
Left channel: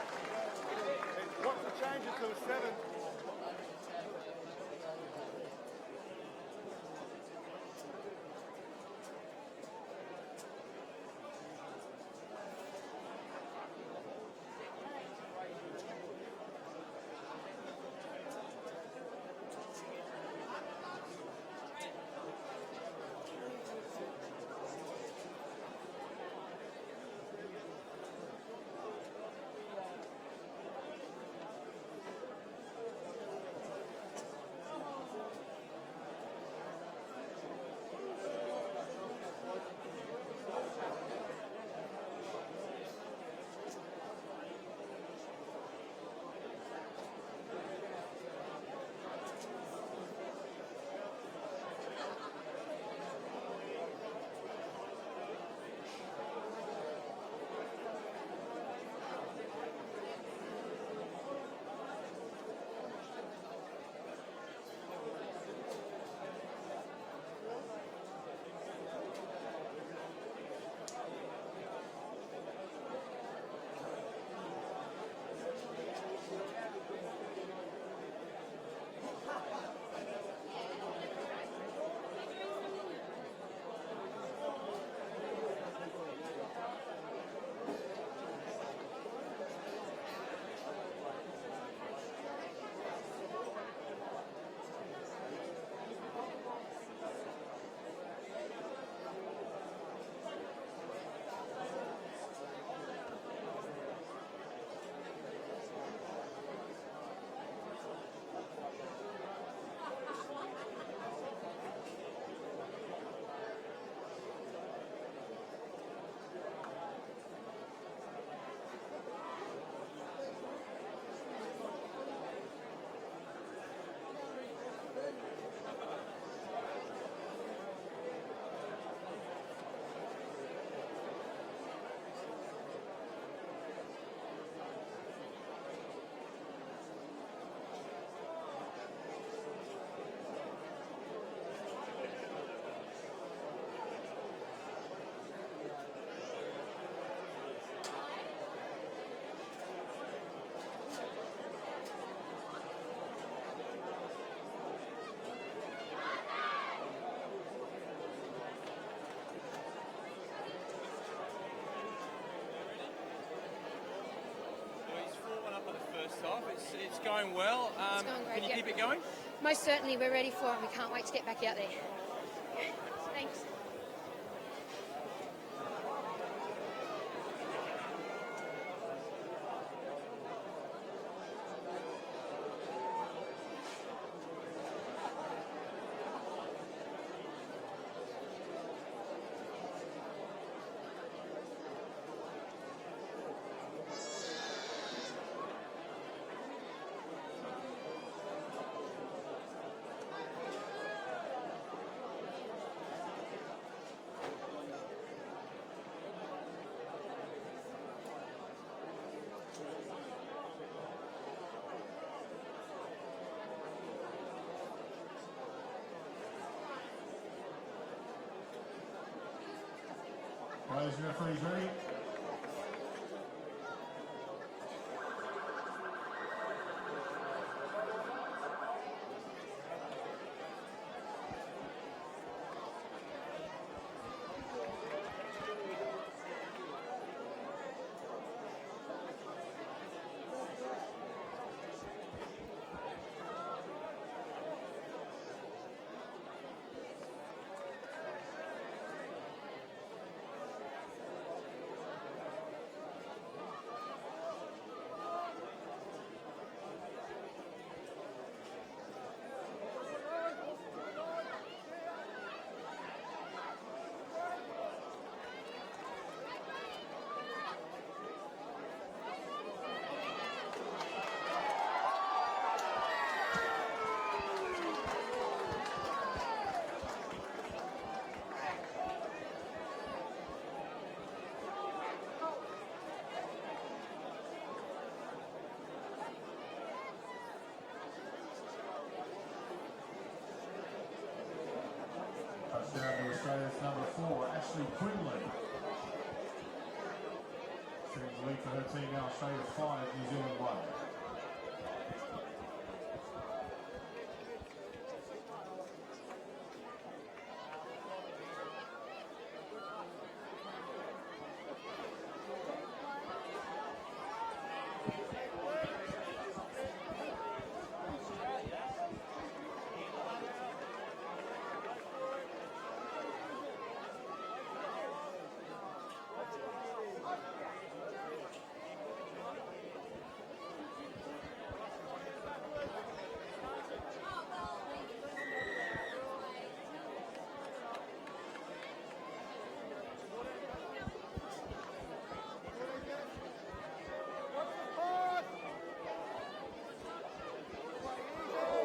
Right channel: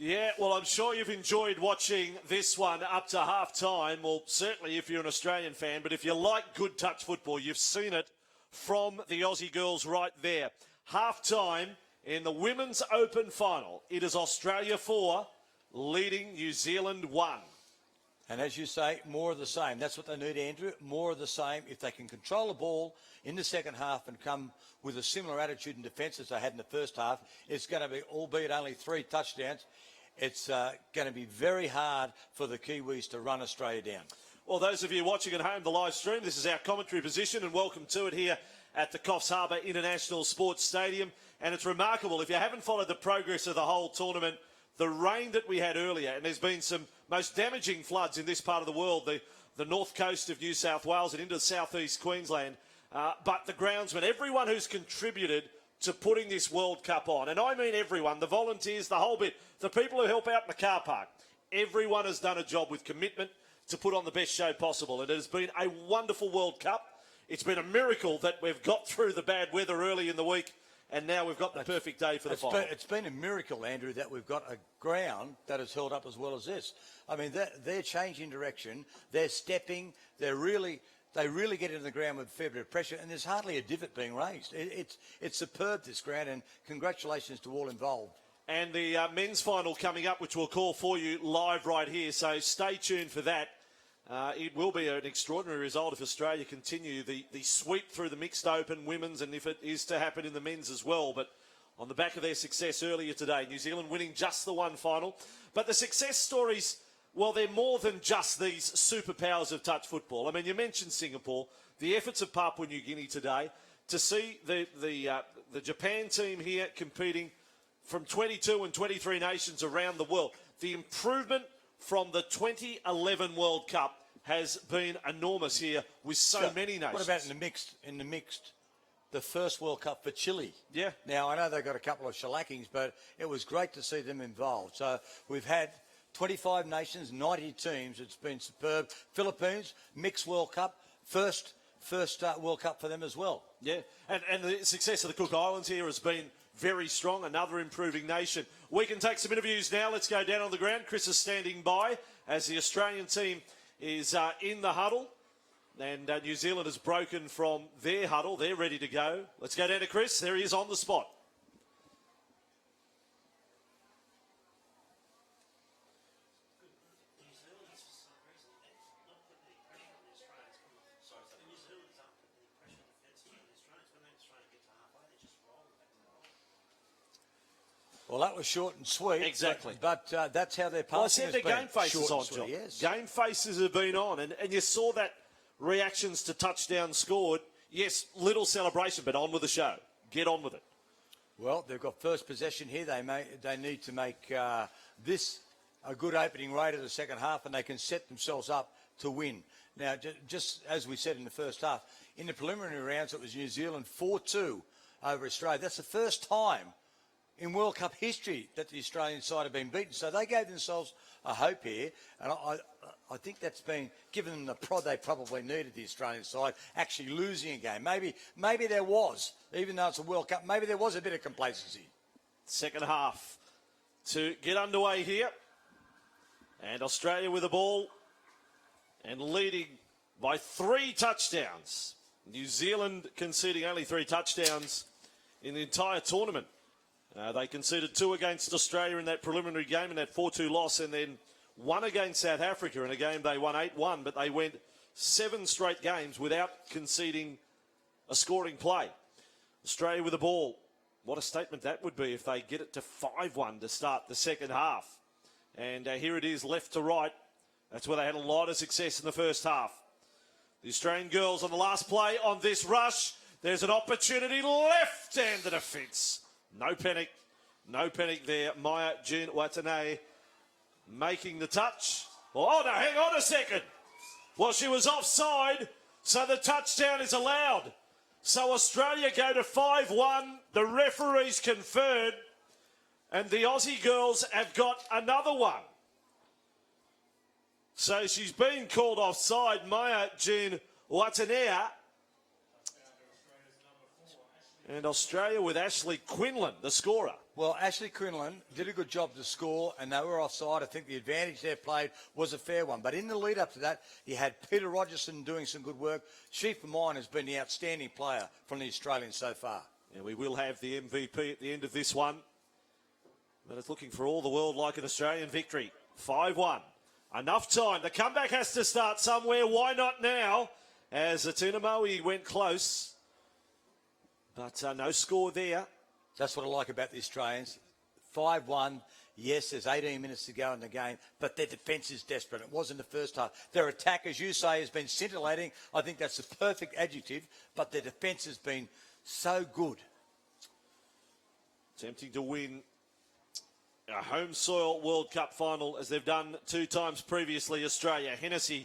Yeah, well, I'm sure you've enjoyed watching this one up to half-time. Well, certainly if you're an Australian fan, but if you like good touch football, you've seen it from the Aussie girls right there. Half-time in the Women's Open final. It is Australia 4, leading New Zealand 1. And as you say, more of the same. That's what they need, Andrew. More of the same. If they can control the ball in the second half and come with a similar attitude in defence as they had in the first half, it's going to be, albeit only 3 touchdowns, it's going to be very hard for the Kiwis to run Australia down. Well, those of you watching at home, the live stream, this is our commentary position, and welcome to it here at the Coffs Harbour International Sports Stadium. And it's remarkable, if you haven't followed the progress of the whole tournament, the rain that we had earlier, and there's been some most damaging floods in this part of the world, the north coast of New South Wales and into southeast Queensland. But the groundsmen, everyone who's contributed to putting this World Cup on, and I mean everyone, the volunteers, the whole bit, the people who help out in the car park, everyone has done a job with commitment to put on the best show possible. And it has been a wonderful World Cup. It's been a miracle that we've got through the bad weather early in the week, and now we've got the perfect day for the final. It's been a miracle, Andrew, that we've got a ground that has held up as well as this. I mean, they're changing direction, they're stepping, they really get into the ground with a fair bit of pressure, and there's hardly a divot being raised. It's superb, this ground, and congratulations to all involved. And the men's final coming up, which we'll call for you live right here, so stay tuned for that. It will be an extraordinary result if Australia continue the sweep through the mixed open women's, and if it is to happen in the men's as well. But on the back of their success earlier today, New Zealand winning just the one final. But the success stories, well, they're more than just these superpowers of touch football. I mean, you mentioned Singapore, the efforts of Papua New Guinea today, to see the Japan team here competing from 22 and 23 nations around the world. The improvement from the 2011 World Cup has been enormous here with so many nations. What about in the mixed, the first World Cup for Chile? Yeah. Now, I know they got a couple of shellackings, but it was great to see them involved. So we've had 25 nations, 90 teams. It's been superb. Philippines, mixed World Cup, first World Cup for them as well. Yeah, and the success of the Cook Islands here has been very strong, another improving nation. We can take some interviews now. Let's go down on the ground. Chris is standing by as the Australian team is in the huddle. And New Zealand has broken from their huddle. They're ready to go. Let's go down to Chris. There he is on the spot. He's 4-1 up in the first half. It's going well. It's going great, Can you yeah. keep it going? Most certainly, we're ready for it. We can't wait to get back out there. Thanks. Well, that was short and sweet. Exactly. But that's how their passing Well, I said has their been. game faces Short on, and John. sweet, yes. Game faces have been on, and you saw that reactions to touchdowns scored. Yes, little celebration, but on with the show. Get on with it. Well, they've got first possession here. They need to make this a good opening rate of the second half, and they can set themselves up to win. Now, just as we said in the first half, in the preliminary rounds, it was New Zealand 4-2 over Australia. That's the first time in World Cup history that the Australian side have been beaten. So they gave themselves a hope here, and I think that's been given them the prod they probably needed, the Australian side, actually losing a game. Maybe there was, even though it's a World Cup, maybe there was a bit of complacency. Second half to get underway here. And Australia with the ball and leading by 3 touchdowns. New Zealand conceding only 3 touchdowns in the entire tournament. They conceded 2 against Australia in that preliminary game, in that 4-2 loss, and then 1 against South Africa in a game they won 8-1, but they went 7 straight games without conceding a scoring play. Australia with the ball. What a statement that would be if they get it to 5-1 to start the second half. And here it is, left to right. That's where they had a lot of success in the first half. The Australian girls on the last play on this rush. There's an opportunity left-handed defence. No panic there. Maya Jean Watanabe making the touch. Oh no, hang on a second. Well, she was offside, so the touchdown is allowed. So Australia go to 5-1. The referees conferred, and the Aussie girls have got another one. So she's been called offside, Maya Jean Watanabe. And Australia with Ashley Quinlan, the scorer. Well, Ashley Quinlan did a good job to score, and they were offside. I think the advantage they played was a fair one. But in the lead up to that, you had Peter Rogerson doing some good work. She, for mine, has been the outstanding player from the Australians so far. And we will have the MVP at the end of this one. We're looking for all the world like an Australian victory. 5-1. Enough time. The comeback has to start somewhere. Why not now? As Atuna Moe went close. But no score there. That's what I like about the Australians. 5-1. Yes, there's 18 minutes to go in the game, but their defence is desperate. It wasn't the first half. Their attack, as you say, has been scintillating. I think that's the perfect adjective, but their defence has been so good. Attempting to win a home soil World Cup final as they've done 2 times previously. Australia, Hennessy,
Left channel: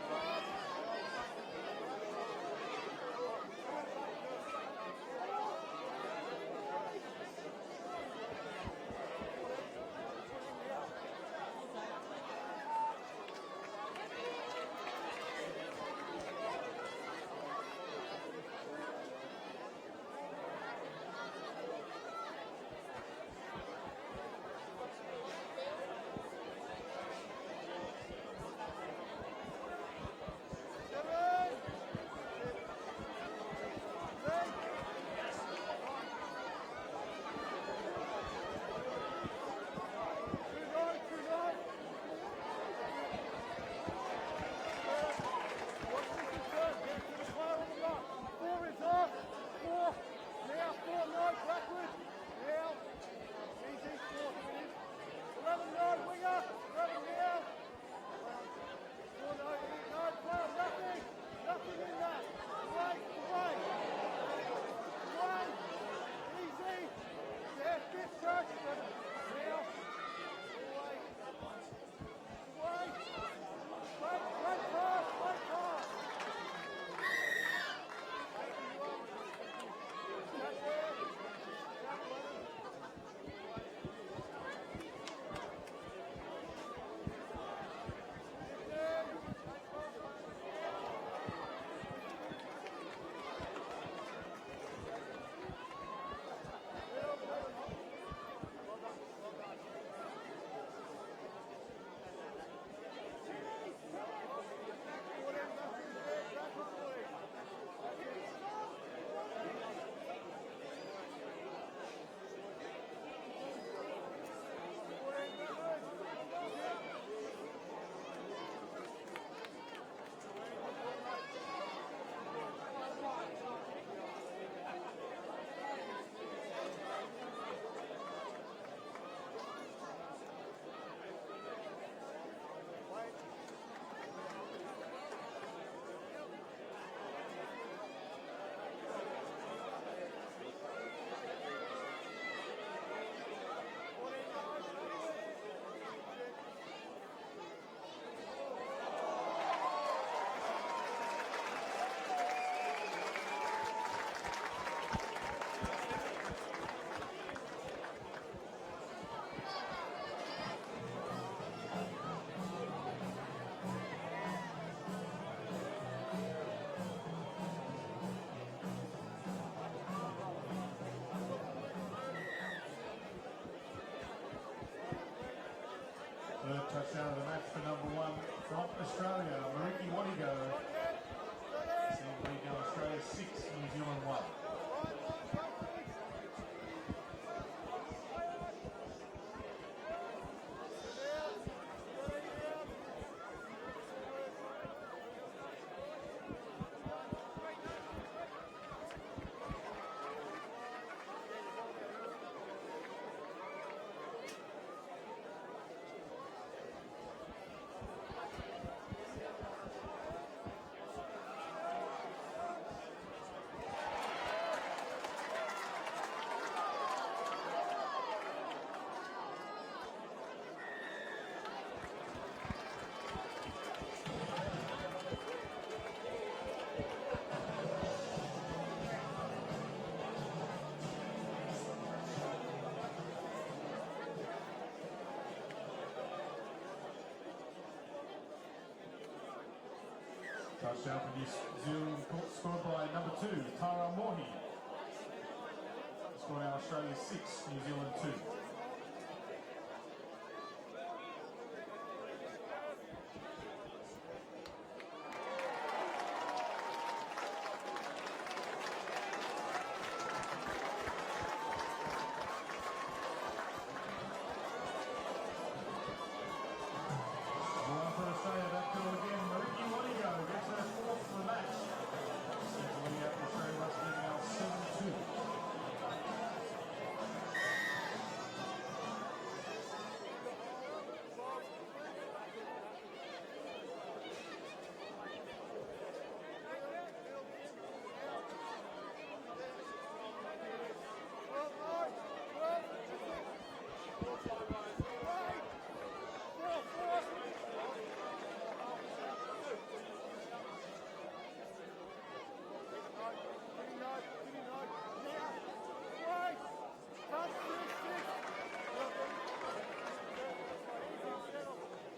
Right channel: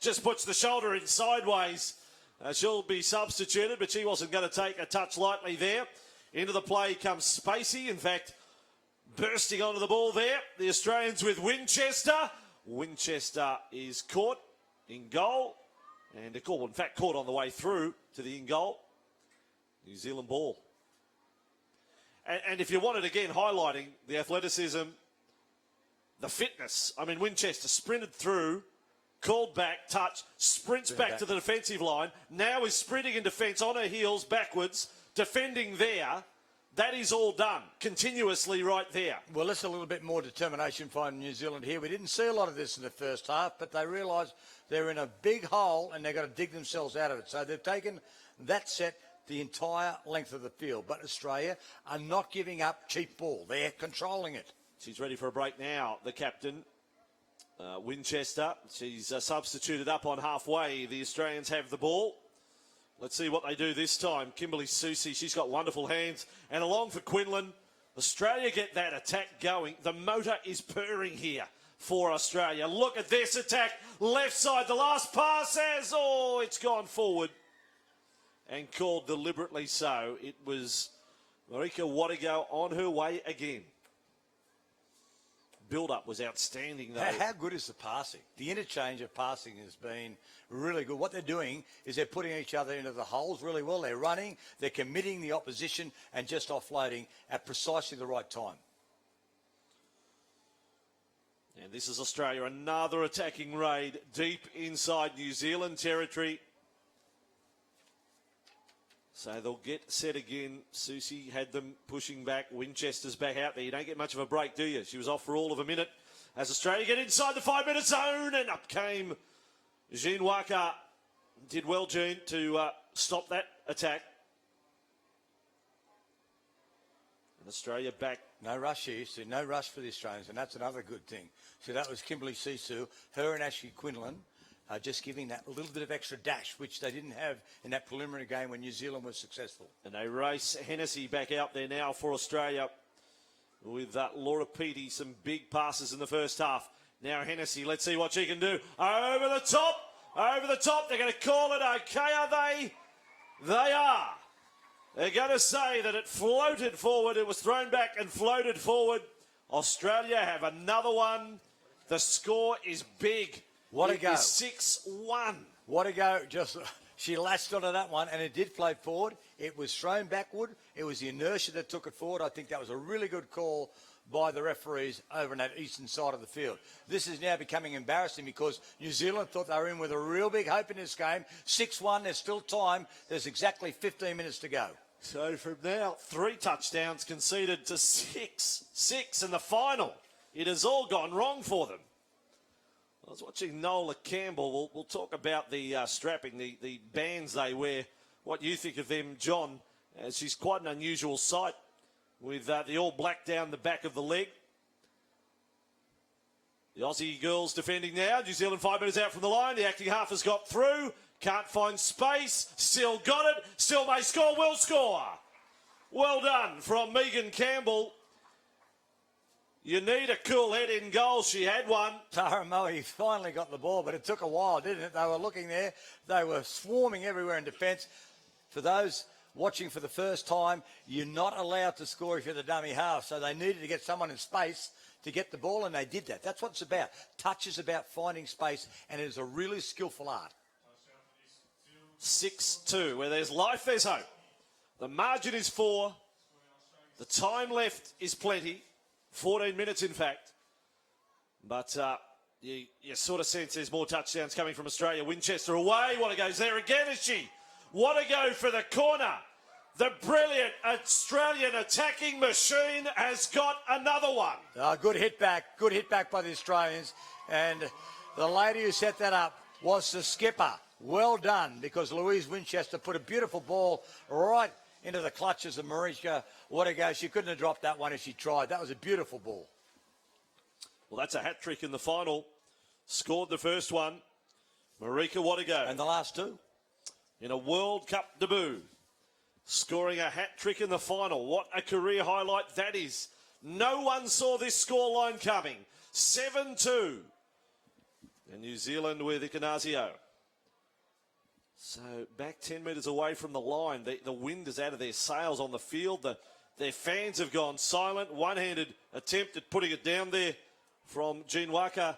just puts the shoulder in sideways. She'll be substituted, but she wasn't going to take a touch lightly there. Into the play comes Spacey. In fact, bursting onto the ball there. The Australians with Winchester. Winchester is caught in goal. And in fact, caught on the way through to the in goal. New Zealand ball. And if you wanted, again, highlighting the athleticism, the fitness. I mean, Winchester sprinted through, called back, touch, sprints back to the defensive line, now is sprinting in defence on her heels backwards, defending there. That is all done continuously right there. Well, there's a little bit more determination from New Zealand here. We didn't see a lot of this in the first half, but they realised they're in a big hole and they've got to dig themselves out of it. So they've taken that set the entire length of the field. But Australia are not giving up cheap ball. They're controlling it. She's ready for a break now, the captain. Winchester, she's substituted up on halfway. The Australians have the ball. Let's see what they do this time. Kimberly Susie, she's got wonderful hands. And along for Quinlan. Australia get that attack going. The motor is purring here for Australia. Look at this attack. Left side, the last pass as, oh, it's gone forward. And called deliberately so. It was Marika Wadigo on her way again. Build-up was outstanding, though. How good is the passing? The interchange of passing has been really good. What they're doing is they're putting each other into the holes really well. They're running, they're committing the opposition and just offloading at precisely the right time. And this is Australia, another attacking raid deep inside New Zealand territory. So they'll get set again. Susie had them pushing back. Winchester's back out there. You don't get much of a break, do you? She was off for all of a minute. As Australia get inside the 5-minute zone, and up came Jean Waka. Did well, Jean, to stop that attack. Australia back. No rush here, so no rush for the Australians, and that's another good thing. So that was Kimberly Sisu, her and Ashley Quinlan. Just giving that a little bit of extra dash, which they didn't have in that preliminary game when New Zealand was successful. And they race Hennessy back out there now for Australia with Laura Peaty, some big passes in the first half. Now Hennessy, let's see what she can do. Over the top, they're going to call it okay, are they? They are. They're going to say that it floated forward, it was thrown back and floated forward. Australia have another one. The score is big. What a go. 6-1. What a go. Just she latched onto that one and it did float forward. It was thrown backward. It was the inertia that took it forward. I think that was a really good call by the referees over on that eastern side of the field. This is now becoming embarrassing because New Zealand thought they were in with a real big hope in this game. 6-1, there's still time. There's exactly 15 minutes to go. So from now, 3 touchdowns conceded to 6 in the final. It has all gone wrong for them. Watching Nola Campbell, we'll talk about the strapping, the bands they wear. What you think of them, John? She's quite an unusual sight with the all black down the back of the leg. The Aussie girls defending now. New Zealand 5 minutes out from the line. The acting half has got through. Can't find space. Still got it. Still may score. Will score. Well done from Megan Campbell. You need a cool head in goal. She had one. Tara Moe finally got the ball, but it took a while, didn't it? They were looking there. They were swarming everywhere in defence. For those watching for the first time, you're not allowed to score if you're the dummy half, so they needed to get someone in space to get the ball, and they did that. That's what it's about. Touch is about finding space, and it is a really skillful art. 6-2, where there's life, there's hope. The margin is 4. The time left is plenty. 14 minutes, in fact. But you sort of sense there's more touchdowns coming from Australia. Winchester away. What goes there again, is she? What a go for the corner. The brilliant Australian attacking machine has got another one. Good hit back by the Australians. And the lady who set that up was the skipper. Well done, because Louise Winchester put a beautiful ball right into the clutches of Marika. What a go. She couldn't have dropped that one if she tried. That was a beautiful ball. Well, that's a hat-trick in the final. Scored the first one. Marika Wadigo. And the last 2? In a World Cup debut. Scoring a hat-trick in the final. What a career highlight that is. No one saw this scoreline coming. 7-2. New Zealand with Ikanazio. So back 10 metres away from the line. The wind is out of their sails on the field. Their fans have gone silent. One-handed attempt at putting it down there from Jean Waka.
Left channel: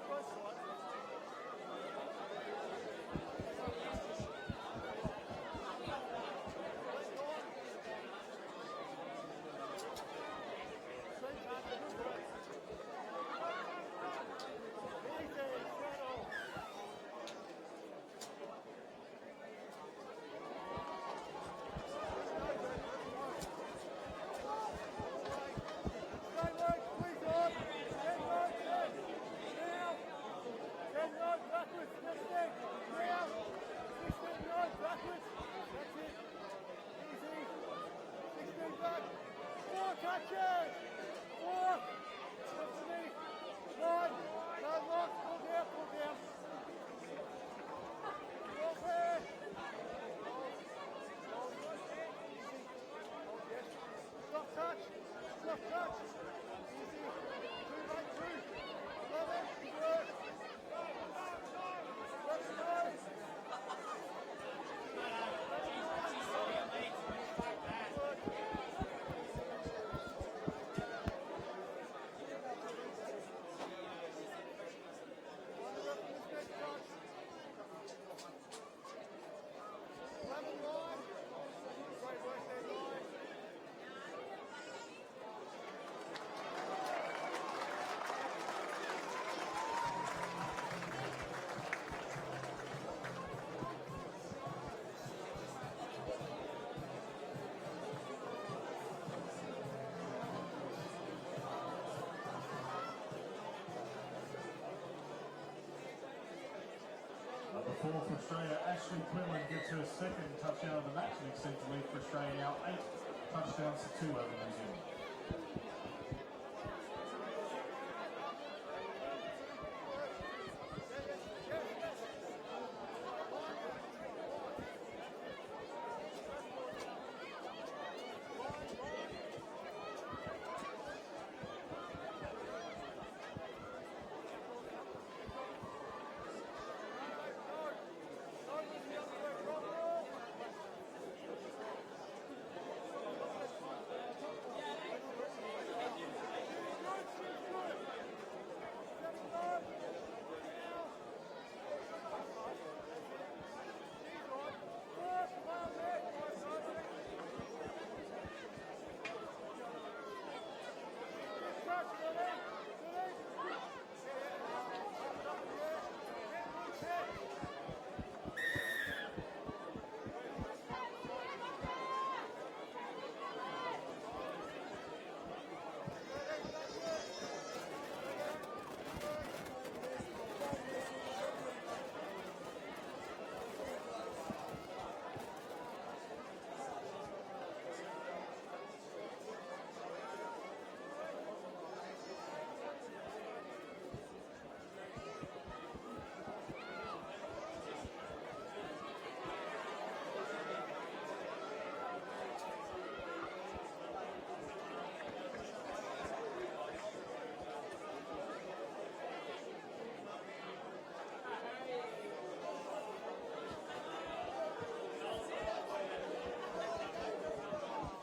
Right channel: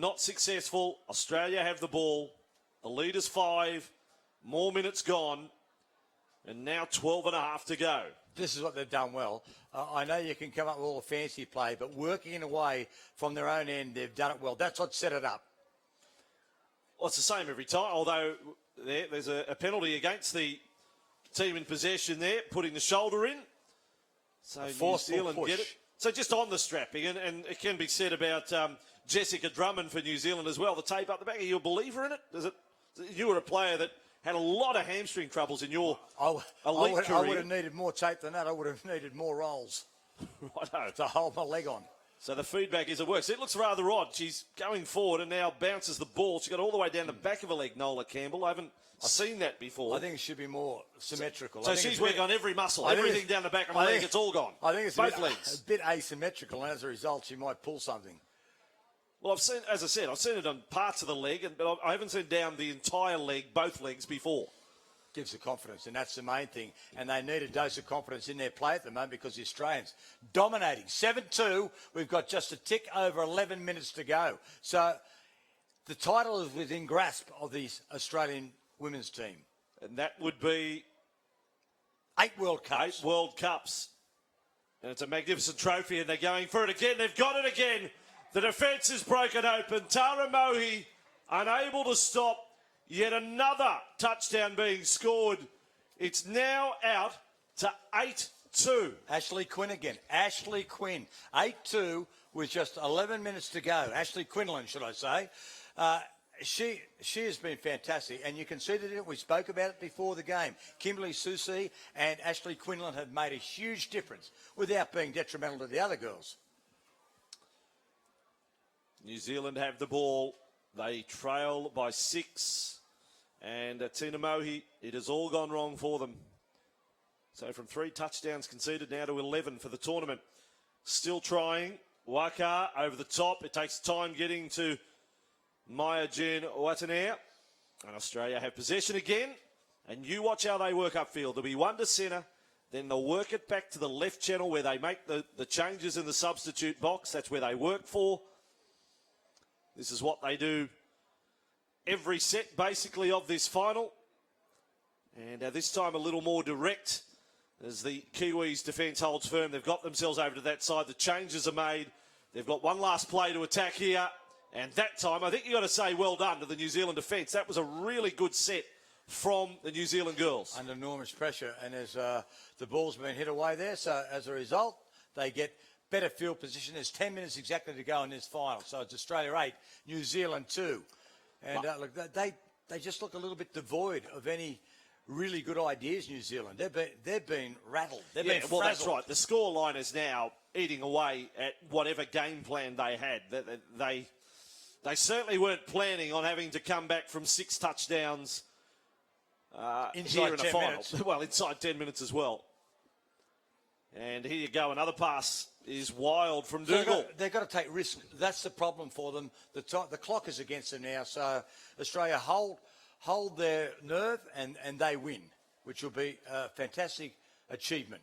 Not successful. Australia have the ball. The lead is 5. More minutes gone. And now 12 and a half to go. This is what they've done well. I know you can come up with all the fancy play, but working in a way from their own end, they've done it well. That's what set it up. Well, it's the same every time, although there's a penalty against the team in possession there, putting the shoulder in. So Forceful New Zealand push. get it. So just on the strapping, and it can be said about Jessica Drummond for New Zealand as well. The tape up the back. Are you a believer in it? Is it? You were a player that had a lot of hamstring troubles in your elite career. I would have needed more tape than that. I would have needed more rolls to hold my leg on. So the feedback is it works. It looks rather odd. She's going forward and now bounces the ball. She got all the way down the back of her leg, Nola Campbell. I haven't seen that before. I think it should be more symmetrical. So she's working on every muscle, everything down the back of her leg. It's all gone. I think it's both legs. a bit asymmetrical, and as a result, she might pull something. Well, I've seen, as I said, I've seen it on parts of the leg, but I haven't seen down the entire leg, both legs before. Gives the confidence, and that's the main thing. And they need a dose of confidence in their play at the moment because the Australians dominating. 7-2, we've got just a tick over 11 minutes to go. So the title is within grasp of the Australian women's team. And that would be 8 World Cups. 8 World Cups. And it's a magnificent trophy, and they're going for it again. They've got it again. The defence is broken open. Tara Mohi unable to stop yet another touchdown being scored. It's now out to 8-2. Ashley Quinn again. Ashley Quinn. 8-2 with just 11 minutes to go. Ashley Quinlan, should I say. She has been fantastic, and you can see that we spoke about it before the game. Kimberly Susie and Ashley Quinlan have made a huge difference without being detrimental to the other girls. New Zealand have the ball. They trail by 6. And Tina Mohi, it has all gone wrong for them. So from 3 touchdowns conceded now to 11 for the tournament. Still trying. Waka over the top. It takes time getting to Maya Jen Watanair. And Australia have possession again. And you watch how they work upfield. There'll be one to centre. Then they'll work it back to the left channel where they make the changes in the substitute box. That's where they work for. This is what they do every set, basically, of this final. And this time a little more direct as the Kiwis' defence holds firm. They've got themselves over to that side. The changes are made. They've got one last play to attack here. And that time, I think you've got to say well done to the New Zealand defence. That was a really good set from the New Zealand girls. Under enormous pressure, and as the ball's been hit away there, so as a result, they get better field position. There's 10 minutes exactly to go in this final. So it's Australia 8, New Zealand 2. And they just look a little bit devoid of any really good ideas, New Zealand. They've been rattled. They've been well, frazzled. that's right. The scoreline is now eating away at whatever game plan they had. They certainly weren't planning on having to come back from 6 touchdowns Inside here in 10 a final. minutes. Well, inside 10 minutes as well. And here you go. Another pass is wild from Dougal. They've got to take risk. That's the problem for them. The clock is against them now. So Australia hold their nerve and they win, which will be a fantastic achievement.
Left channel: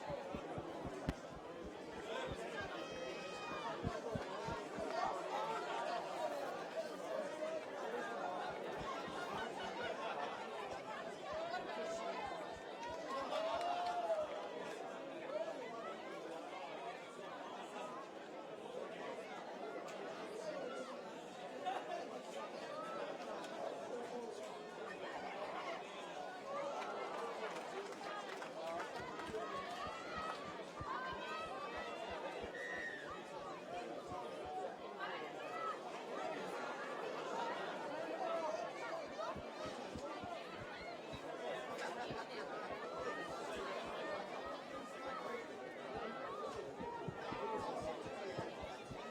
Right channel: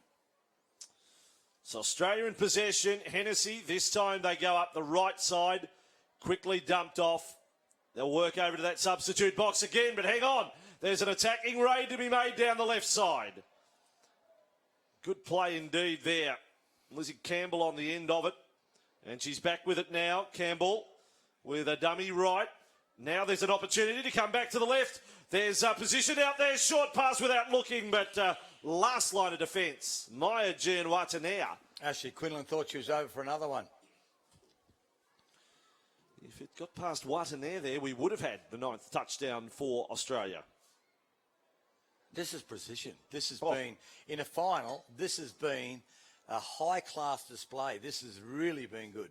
So Australia in possession. Hennessy, this time they go up the right side. Quickly dumped off. They'll work over to that substitute box again, but hang on. There's an attacking raid to be made down the left side. Good play indeed there. Lizzie Campbell on the end of it. And she's back with it now. Campbell with a dummy right. Now there's an opportunity to come back to the left. There's a position out there. Short pass without looking, but last line of defence. Maya Jen Watanair. Ashley Quinlan thought she was over for another one. If we'd got past Watanair there, we would have had the 9th touchdown for Australia. This is precision. This has been, in a final, this has been a high-class display. This has really been good.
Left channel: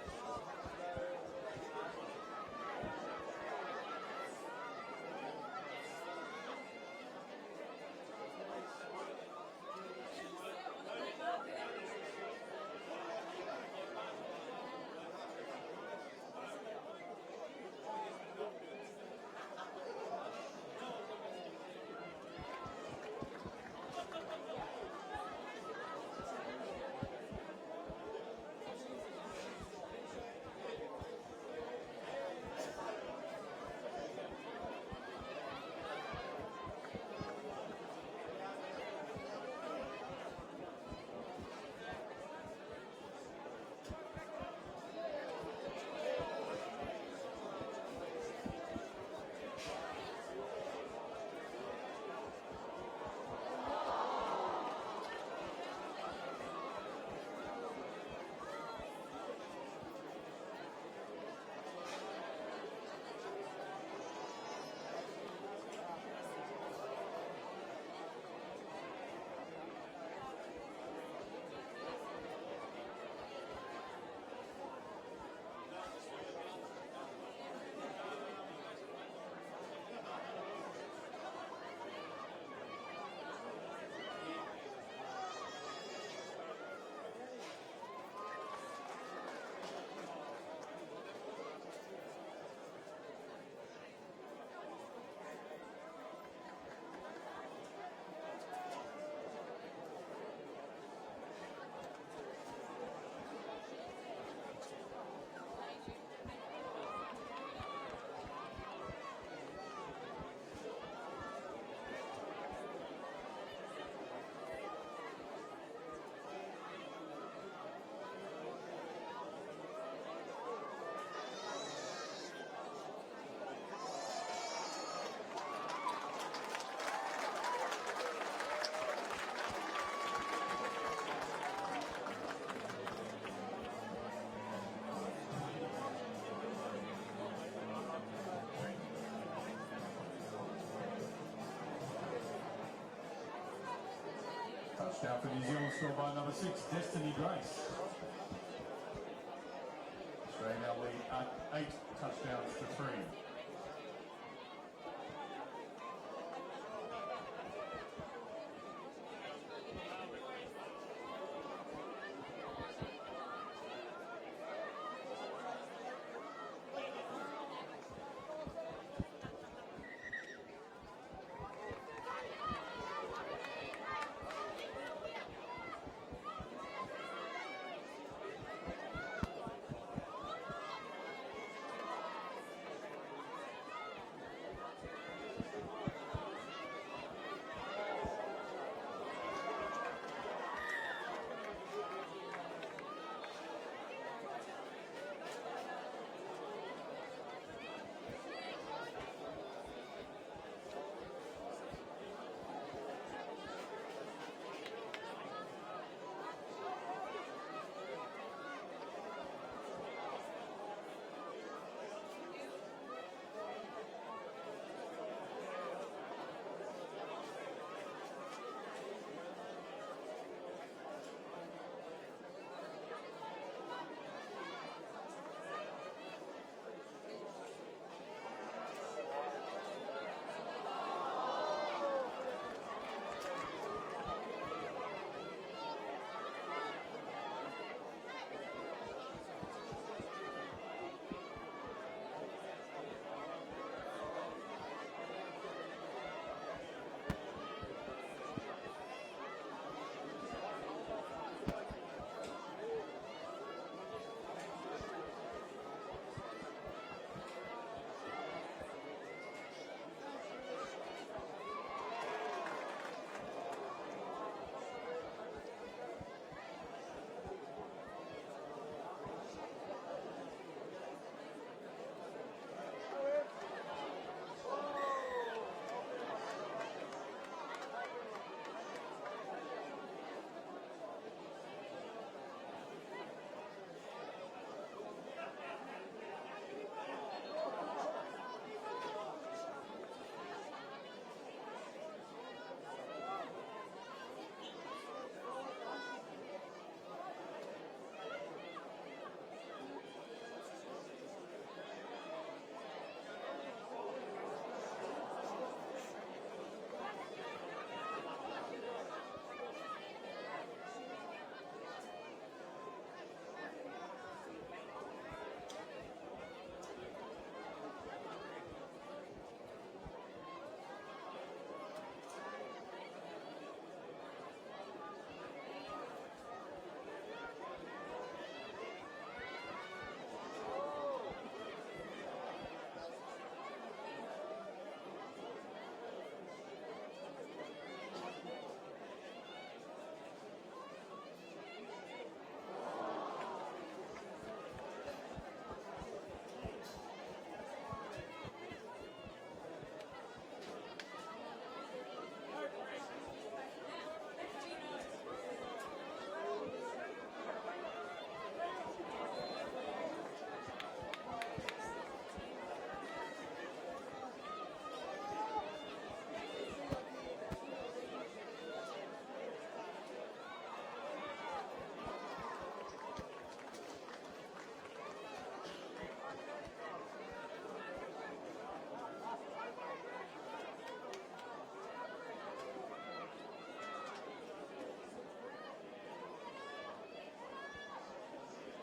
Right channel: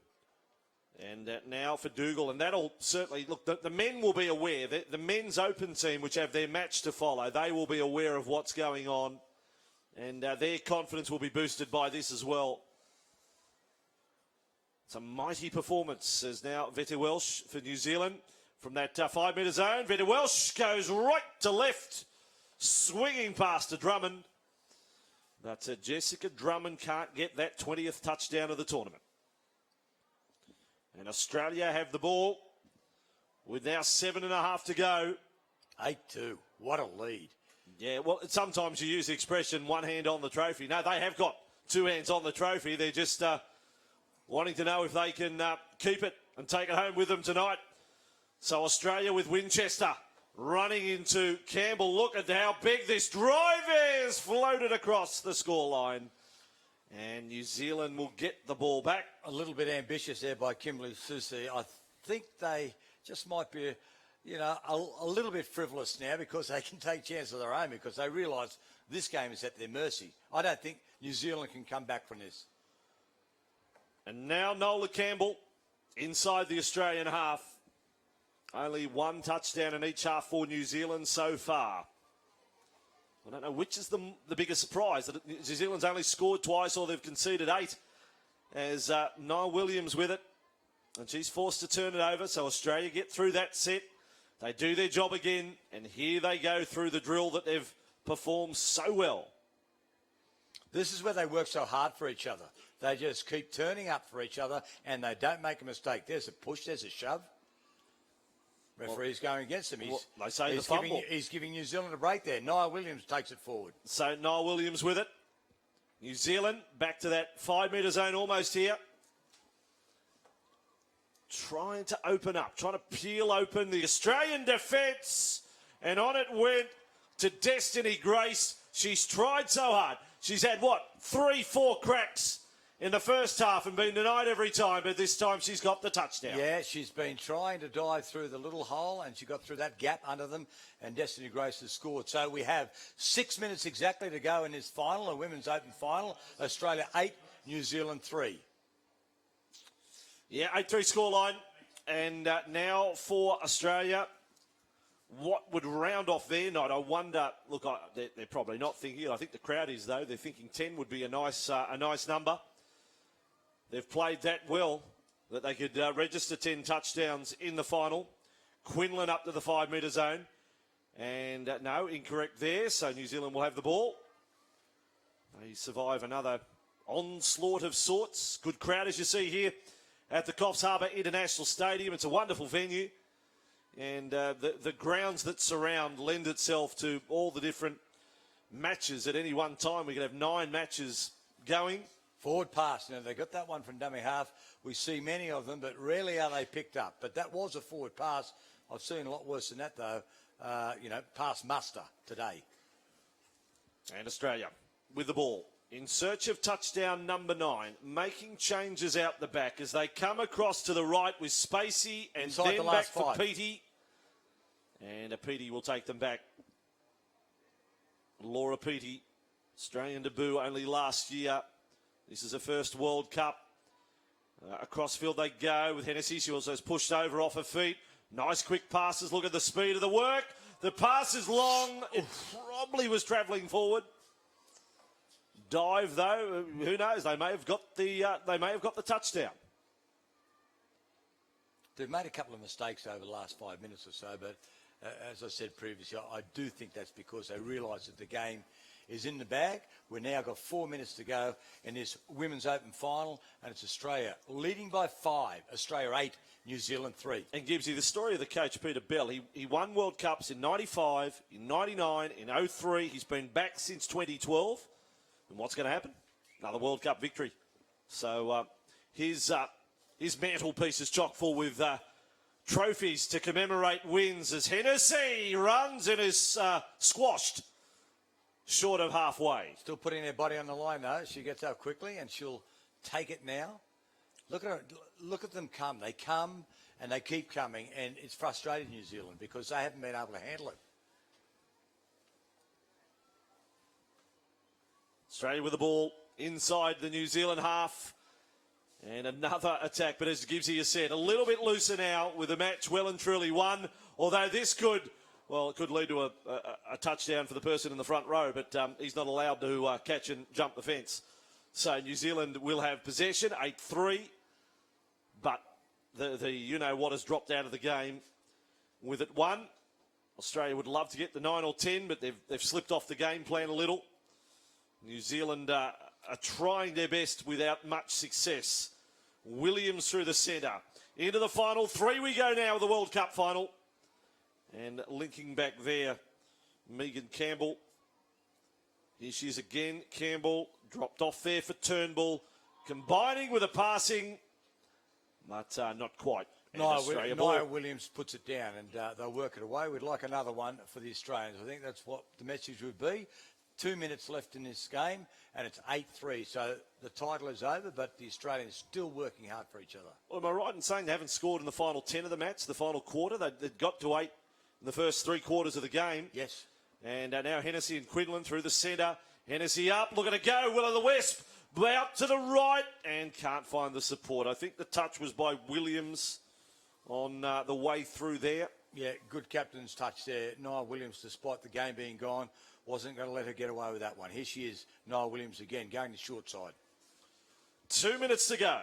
And now for Dougal, and that'll certainly, look, the men will be aware, the men's open team, which have their match to follow, they will be aware of what's going on, and their confidence will be boosted by this as well. It's a mighty performance as now Vette Welsh for New Zealand from that 5-metre zone. Vette Welsh goes right to left, swinging past to Drummond. But Jessica Drummond can't get that 20th touchdown of the tournament. And Australia have the ball with now 7.5 to go. 8-2. What a lead. Yeah, well, sometimes you use the expression one hand on the trophy. No, they have got 2 hands on the trophy. They're just wanting to know if they can keep it and take it home with them tonight. So Australia with Winchester running into Campbell. Look at how big this drive is. Floated across the scoreline. And New Zealand will get the ball back. A little bit ambitious there by Kimberly Susie. I think they just might be, you know, a little bit frivolous now because they can take chances of their own because they realise this game is at their mercy. I don't think New Zealand can come back from this. And now Nola Campbell inside the Australian half. Only one touchdown in each half for New Zealand so far. I don't know which is the biggest surprise, that New Zealand's only scored twice or they've conceded 8. As Niall Williams with it, and she's forced to turn it over, so Australia get through that set. They do their job again, and here they go through the drill that they've performed so well. This is where they work so hard for each other. They just keep turning up for each other, and they don't make a mistake. There's a push, there's a shove. Referee's going against them. They say the fumble. He's giving New Zealand a break there. Niall Williams takes it forward. So Niall Williams with it. New Zealand back to that 5-metre zone almost here. Trying to open up, trying to peel open the Australian defence. And on it went to Destiny Grace. She's tried so hard. She's had, what, 3-4 cracks in the first half and been denied every time, but this time she's got the touchdown. Yeah, she's been trying to dive through the little hole, and she got through that gap under them, and Destiny Grace has scored. So we have 6 minutes exactly to go in this final, the Women's Open final. Australia 8, New Zealand 3. Yeah, 8-3 scoreline. And now for Australia, what would round off their night? I wonder, look, they're probably not thinking, I think the crowd is though, they're thinking 10 would be a nice number. They've played that well that they could register 10 touchdowns in the final. Quinlan up to the 5-metre zone. And no, incorrect there, so New Zealand will have the ball. And survive another onslaught of sorts. Good crowd as you see here at the Coffs Harbour International Stadium. It's a wonderful venue. And the grounds that surround lend itself to all the different matches at any one time. We could have 9 matches going. Forward pass, you know, they got that one from dummy half. We see many of them, but rarely are they picked up. But that was a forward pass. I've seen a lot worse than that, though. You know, past muster today. And Australia with the ball in search of touchdown number 9, making changes out the back as they come across to the right with Spacey and inside then the back last for 5. Petey. And Petey will take them back. Laura Petey, Australian debut only last year. This is her first World Cup. Across field they go with Hennessy. She also has pushed over off her feet. Nice quick passes. Look at the speed of the work. The pass is long. It probably was travelling forward. Dive though. Who knows? They may have got the touchdown. They've made a couple of mistakes over the last 5 minutes or so, but as I said previously, I do think that's because they realise that the game is in the bag. We've now got 4 minutes to go in this Women's Open final, and it's Australia leading by 5. Australia 8, New Zealand 3. And gives you the story of the coach, Peter Bell. He won World Cups in 95, in 99, in 03. He's been back since 2012. And what's going to happen? Another World Cup victory. So his mantelpiece is chock full with trophies to commemorate wins as Hennessy runs and is squashed short of halfway. Still putting their body on the line though. She gets up quickly and she'll take it now. Look at her. Look at them come. They come and they keep coming, and it's frustrating New Zealand because they haven't been able to handle it. Australia with the ball inside the New Zealand half. And another attack, but as Gibbsy has said, a little bit looser now with the match well and truly won. Although this could lead to a touchdown for the person in the front row, but he's not allowed to catch and jump the fence. So New Zealand will have possession, 8-3. But the you-know-what has dropped out of the game with it 1. Australia would love to get the 9 or 10, but they've slipped off the game plan a little. New Zealand are trying their best without much success. Williams through the centre. Into the final 3 we go now with the World Cup final. And linking back there, Megan Campbell. Here she is again, Campbell. Dropped off there for Turnbull. Combining with a passing, but not quite. Nia Williams puts it down, and they'll work it away. We'd like another one for the Australians. I think that's what the message will be. 2 minutes left in this game, and it's 8-3. So the title is over, but the Australians still working hard for each other. Well, am I right in saying they haven't scored in the final 10 of the match, the final quarter? They got to 8 in the first 3 quarters of the game. Yes. And now Hennessy and Quinlan through the centre. Hennessy up, looking to go. Will of the Wisp out to the right and can't find the support. I think the touch was by Williams on the way through there. Yeah, good captain's touch there. Nia Williams, despite the game being gone, wasn't going to let her get away with that one. Here she is, Nia Williams again, going to short side. 2 minutes to go.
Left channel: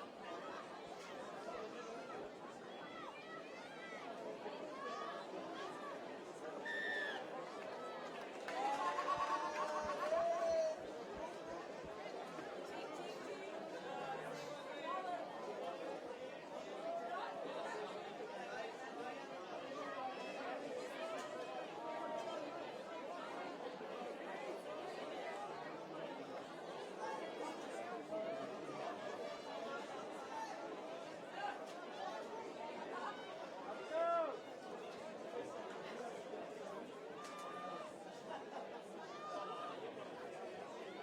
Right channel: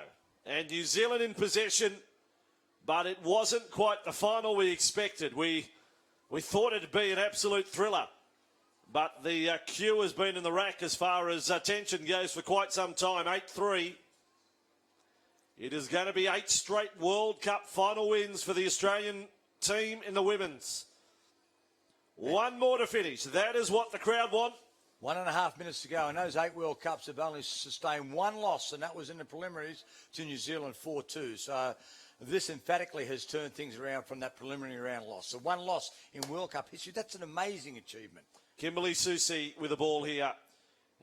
And New Zealand in possession, but it wasn't quite the final we expected. We thought it'd be an absolute thriller, but the queue has been in the rack as far as tension goes for quite some time. 8-3. It is going to be 8 straight World Cup final wins for the Australian team in the women's. 1 more to finish. That is what the crowd want. 1.5 minutes to go. In those 8 World Cups, they've only sustained 1 loss, and that was in the preliminaries to New Zealand 4-2. So this emphatically has turned things around from that preliminary round loss. So 1 loss in World Cup history, that's an amazing achievement. Kimberly Susie with the ball here.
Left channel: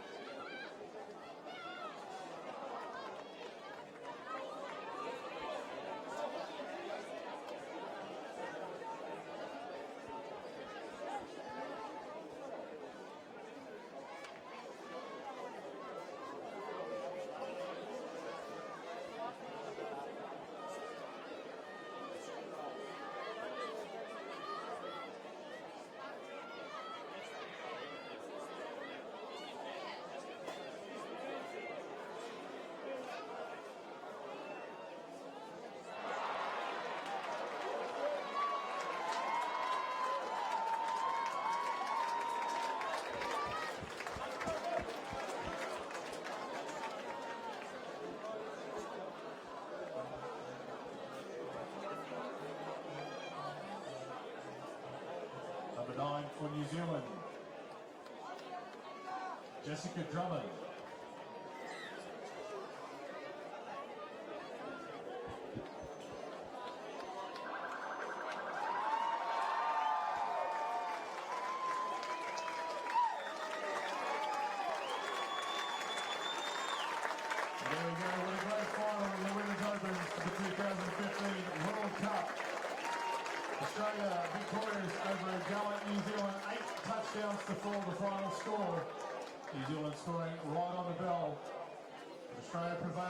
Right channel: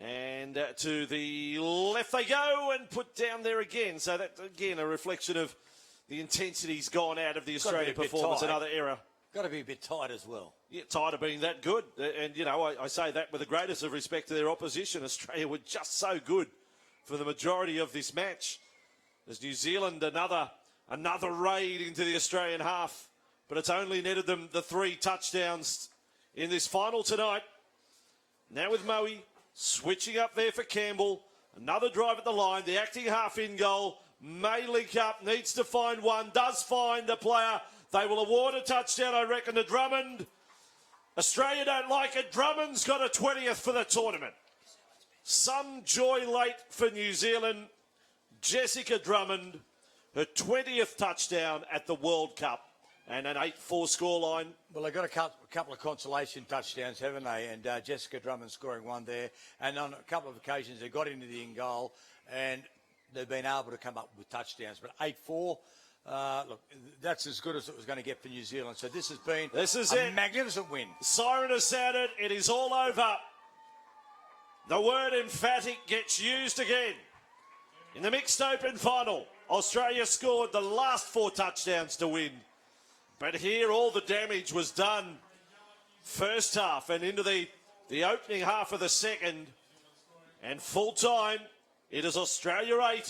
And to the left they go and put down there again. So that, again, a reflection of the intensity's gone out of the Australian performance. Another error. Got to be a bit tight as well. Yeah, tired of being that good. And, you know, I say that with the greatest of respect to their opposition. Australia were just so good for the majority of this match. As New Zealand, another raid into the Australian half. But it's only netted them the 3 touchdowns in this final tonight. Now with Moe switching up there for Campbell. Another drive at the line. The acting half in goal. May link up. Needs to find one. Does find the player. They will award a touchdown, I reckon, to Drummond. Australia don't like it. Drummond's got a 20th for the tournament. Some joy late for New Zealand. Jessica Drummond, her 20th touchdown at the World Cup. And an 8-4 scoreline. Well, they've got a couple of consolation touchdowns, haven't they? And Jessica Drummond scoring 1 there. And on a couple of occasions, they got into the in goal and they've been able to come up with touchdowns. But 8-4, look, that's as good as it was going to get for New Zealand. So this has been a magnificent win. Siren has sounded. It is all over. The word emphatic gets used again. In the mixed open final, Australia scored the last 4 touchdowns to win. But here all the damage was done first half and into the opening half of the second. And full time, it is Australia 8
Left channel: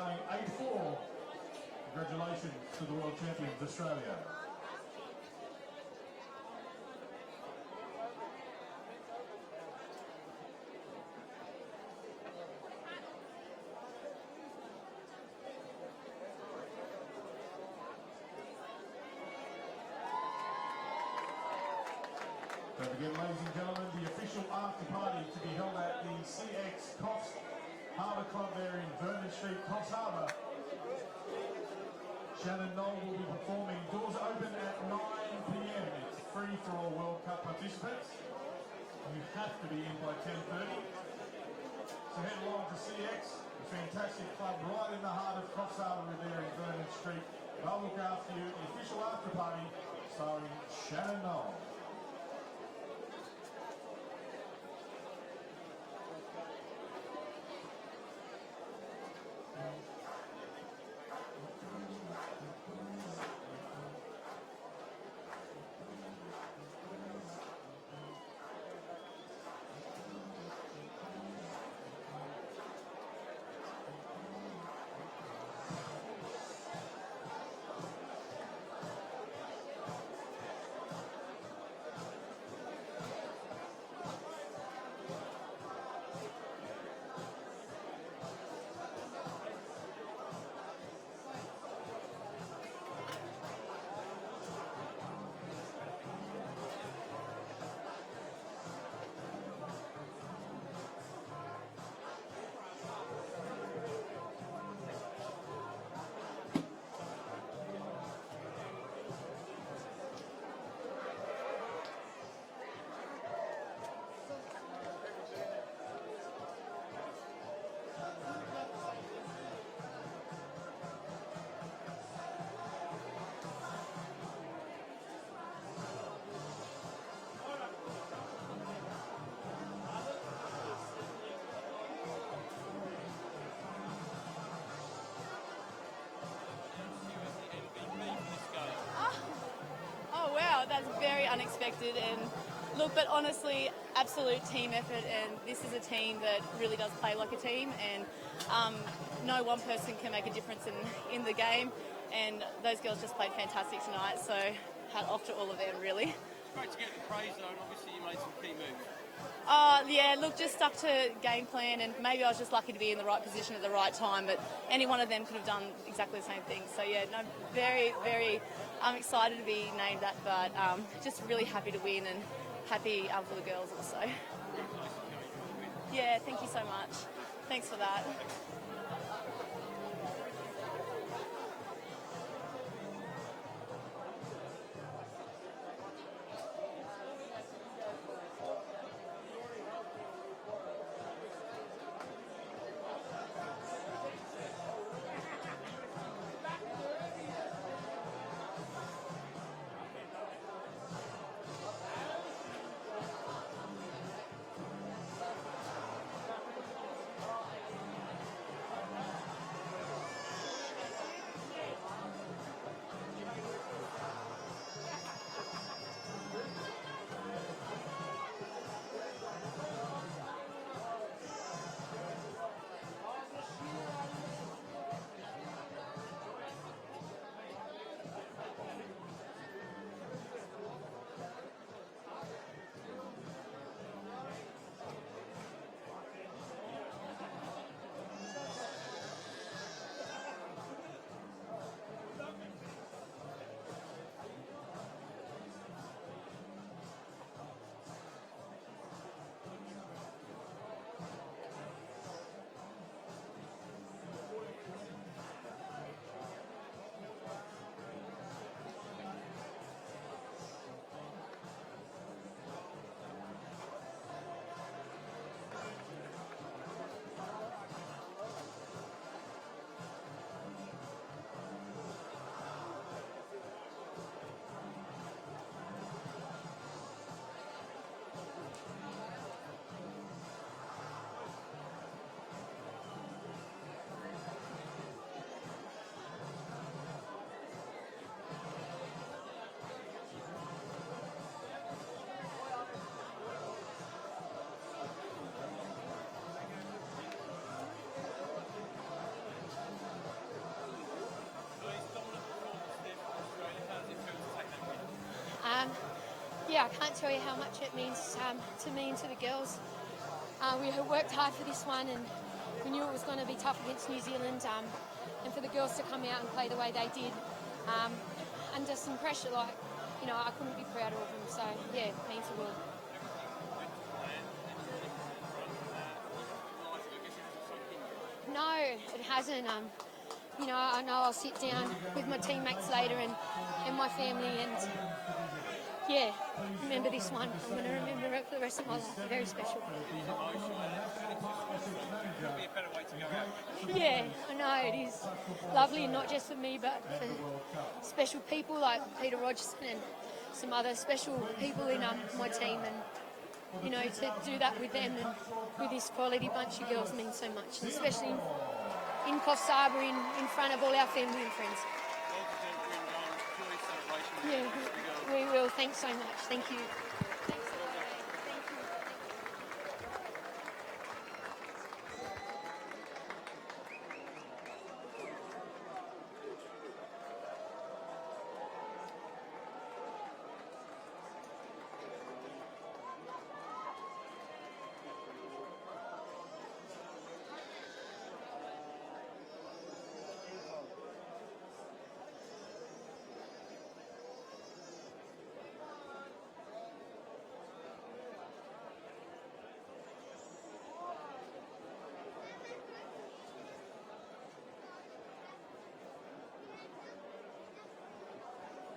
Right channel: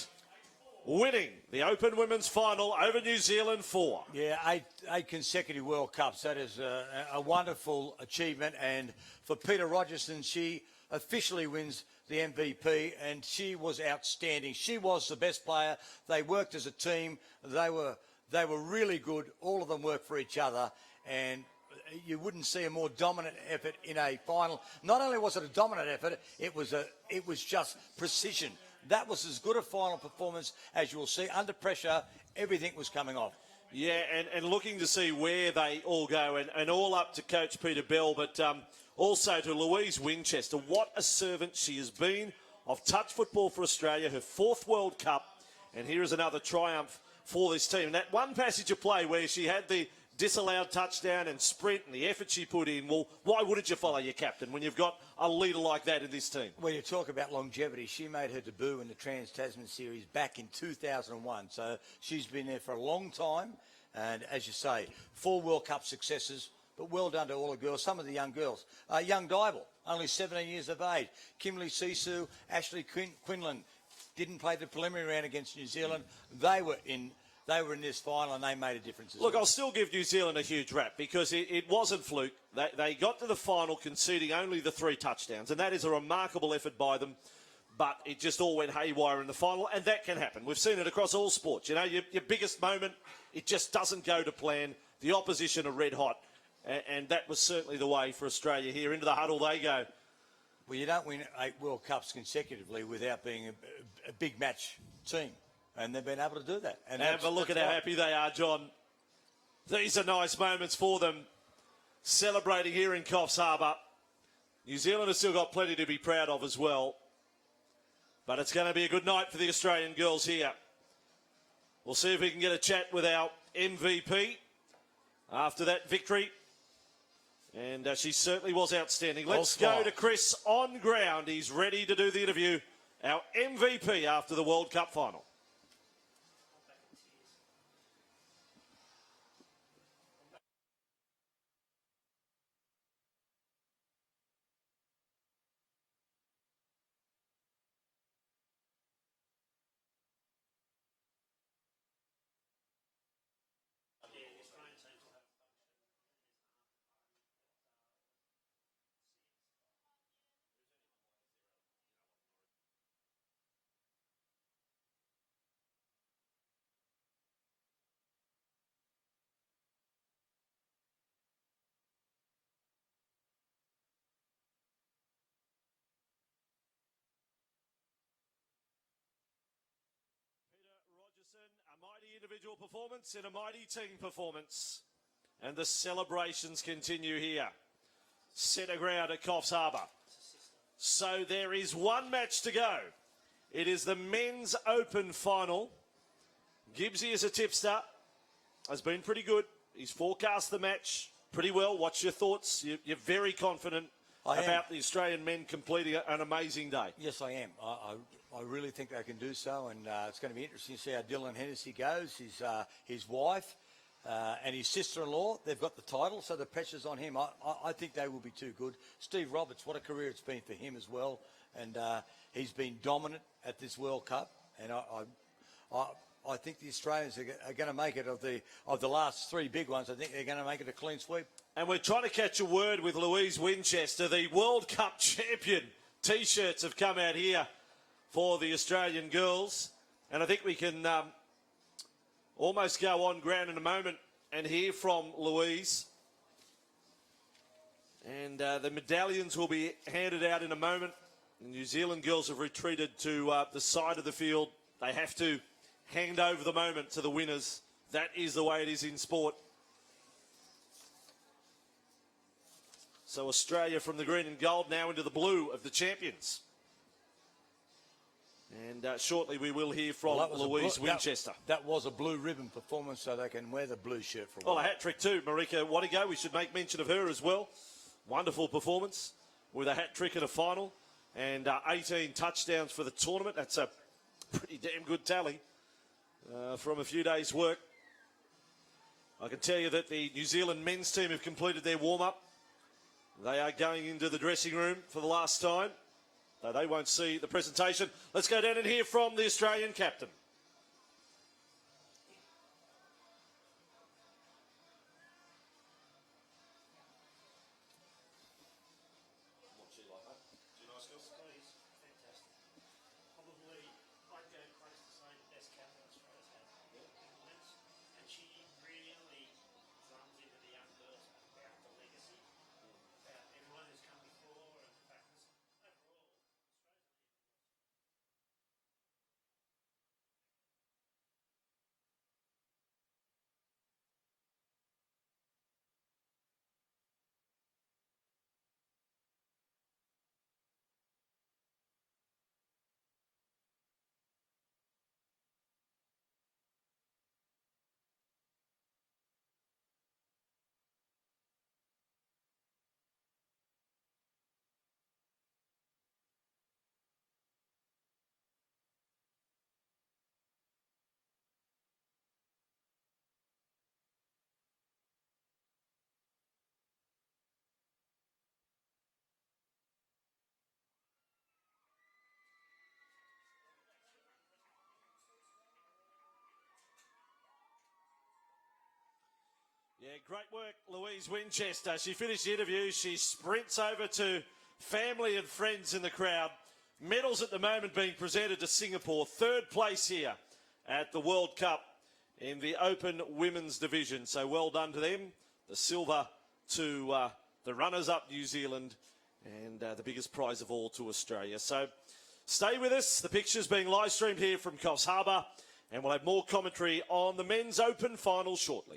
winning the Open Women's Final over New Zealand 4. Yeah, 8 consecutive World Cups. That is a wonderful achievement. And for Peter Rogerson, she officially wins the MVP, and she was outstanding. She was the best player. They worked as a team. They were really good. All of them worked for each other, and you wouldn't see a more dominant effort in a final. Not only was it a dominant effort, it was just precision. That was as good a final performance as you will see. Under pressure, everything was coming off. Yeah, and looking to see where they all go, and all up to Coach Peter Bell, but also to Louise Winchester. What a servant she has been of touch football for Australia, her 4th World Cup, and here is another triumph for this team. That one passage of play where she had the disallowed touchdown and sprint and the effort she put in, well, why wouldn't you follow your captain when you've got a leader like that in this team? When you talk about longevity, she made her debut in the Trans-Tasman Series back in 2001, so she's been there for a long time, and as you say, 4 World Cup successes. Well done to all the girls, some of the young girls. Young Dival, only 17 years of age. Kimberly Sisu, Ashley Quinlan didn't play the preliminary round against New Zealand. They were in this final and they made a difference. Look, I'll still give New Zealand a huge rap because it wasn't fluke. They got to the final conceding only the 3 touchdowns, and that is a remarkable effort by them. But it just all went haywire in the final, and that can happen. We've seen it across all sports. You know, your biggest moment, it just doesn't go to plan. The opposition are red hot. And that was certainly the way for Australia here. Into the huddle they go. Well, you don't win 8 World Cups consecutively without being a big match team. And they've been able to do that. And have a look at how happy they are, John. These are nice moments for them. Celebrating here in Coffs Harbour. New Zealand has still got plenty to be proud of as well. But it's going to be a good night for the Australian girls here. We'll see if we can get a chat with our MVP after that victory. And And she certainly was outstanding. Let's Well go spotted. to Chris on ground. He's ready to do the interview. Our MVP after the World Cup final. Oh wow, that's very unexpected. And look, but honestly, absolute team effort, and this is a team that really does play like a team, and no one person can make a difference in the game, and those girls just played fantastic tonight, so hat off to all of them, really. Great to get the praise though, and obviously you made some key moves. Yeah, look, just stuck to game plan, and maybe I was just lucky to be in the right position at the right time, but any one of them could have done exactly the same thing. So yeah, no, very, very excited to be named that, but just really happy to win and happy for the girls also. Yeah, thank you so much. Thanks for that. It's a mighty team performance. And the celebrations continue here. Centre ground at Coffs Harbour. So there is one match to go. It is the Men's Open final. Gibbsy is a tipster. Has been pretty good. He's forecast the match pretty well. What's your thoughts? You're very confident about the Australian men completing an amazing day. Yes, I am. I really think they can do so, and it's going to be interesting to see how Dylan Hennessy goes. His wife and his sister-in-law, they've got the title, so the pressure's on him. I think they will be too good. Steve Roberts, what a career it's been for him as well, and he's been dominant at this World Cup, and I think the Australians are going to make it of the last three big ones. I think they're going to make it a clean sweep. And we're trying to catch a word with Louise Winchester, the World Cup champion. T-shirts have come out here for the Australian girls, and I think we can almost go on ground in a moment and hear from Louise. And the medallions will be handed out in a moment. The New Zealand girls have retreated to the side of the field. They have to hand over the moment to the winners. That is the way it is in sport. So Australia from the green and gold now into the blue of the champions. And shortly we will hear from Louise Winchester. That was a blue ribbon performance, so they can wear the blue shirt. Well, a hat-trick too, Marika Wadigo. We should make mention of her as well. Wonderful performance with a hat-trick in a final and 18 touchdowns for the tournament. That's a pretty damn good tally from a few days' work. I can tell you that the New Zealand men's team have completed their warm-up. They are going into the dressing room for the last time. They won't see the presentation. Let's go down and hear from the Australian captain. Yeah, I can't tell you how much it means to me and to the girls. We have worked hard for this one, and we knew it was going to be tough against New Zealand. And for the girls to come out and play the way they did, under some pressure, I couldn't be prouder of them. So yeah, it means the world. No, it hasn't. I know I'll sit down with my teammates later and my family, and yeah, remember this one. I'm going to remember it for the rest of my life. Very special. Yeah, I know it is lovely, not just for me, but for special people like Peter Rogerson and some other special people in my team, and to do that with them and with this quality bunch of girls means so much, and especially in Coffs Harbour, in front of all our family and friends. Yeah, we will. Thanks so much. Thank you. Winchester. She finished the interview. She sprints over to family and friends in the crowd. Medals at the moment being presented to Singapore. Third place here at the World Cup in the Open Women's Division. So well done to them. The silver to the runners-up New Zealand, and the biggest prize of all to Australia. So stay with us. The pictures being live streamed here from Coffs Harbour, and we'll have more commentary on the Men's Open final shortly.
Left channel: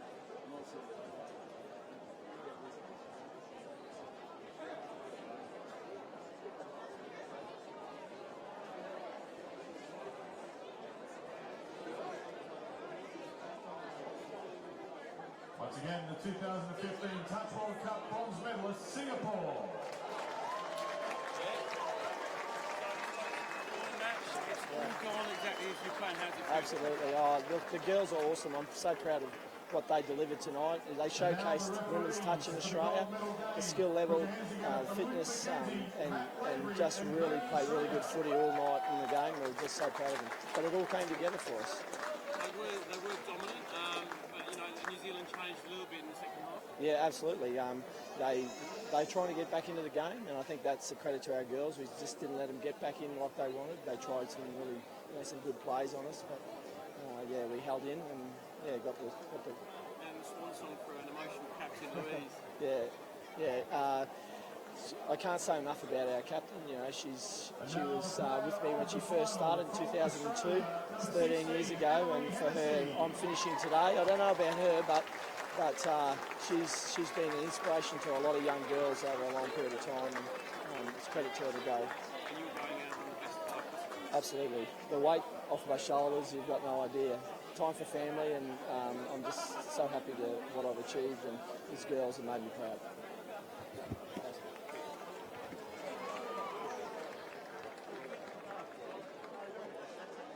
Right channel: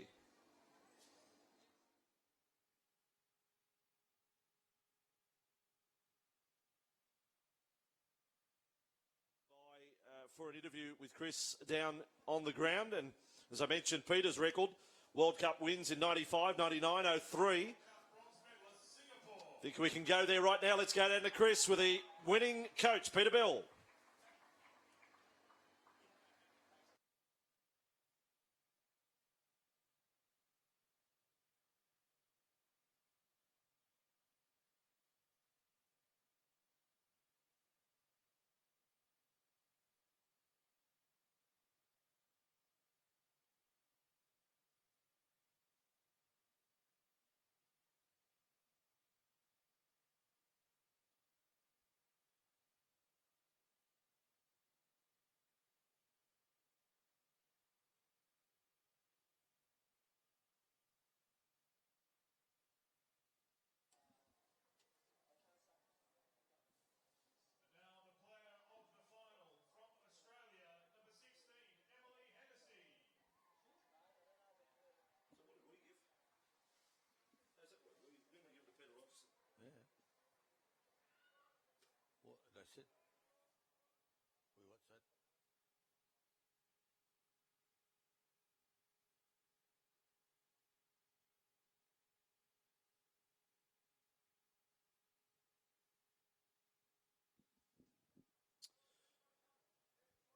Down on the ground, and as I mentioned, Peter's record World Cup wins in 95, 99, 03. World Cup bronze medalist Singapore. I think we can go there right now. Let's go down to Chris with the winning coach, Peter Bell. It's all gone exactly as you planned. How's it feel? Absolutely. Look, the girls are awesome. I'm so proud of what they delivered tonight. They showcased women's touch in Australia, the skill level, fitness, and just really played really good footy all night in the game. We're just so proud of them. But it all came together for us. They were dominant, but you know New Zealand changed a little bit in the second half. Yeah, absolutely. They're trying to get back into the game, and I think that's a credit to our girls. We just didn't let them get back in like they wanted. They tried some really, some good plays on us, but yeah, we held in and got the. And the swan song for an emotional captain, Louise. Yeah. I can't say enough about our captain. You know, she was with me when she first started in 2002. It's 13 years ago, and for her, I'm finishing today. I don't know about her, but she's been an inspiration to a lot of young girls over a long period of time. And it's credit to her to go. And you were going out on the best part possible. Absolutely, the weight off my shoulders, you've got no idea. Time for family, and I'm just so happy to what I've achieved, and these girls have made me proud.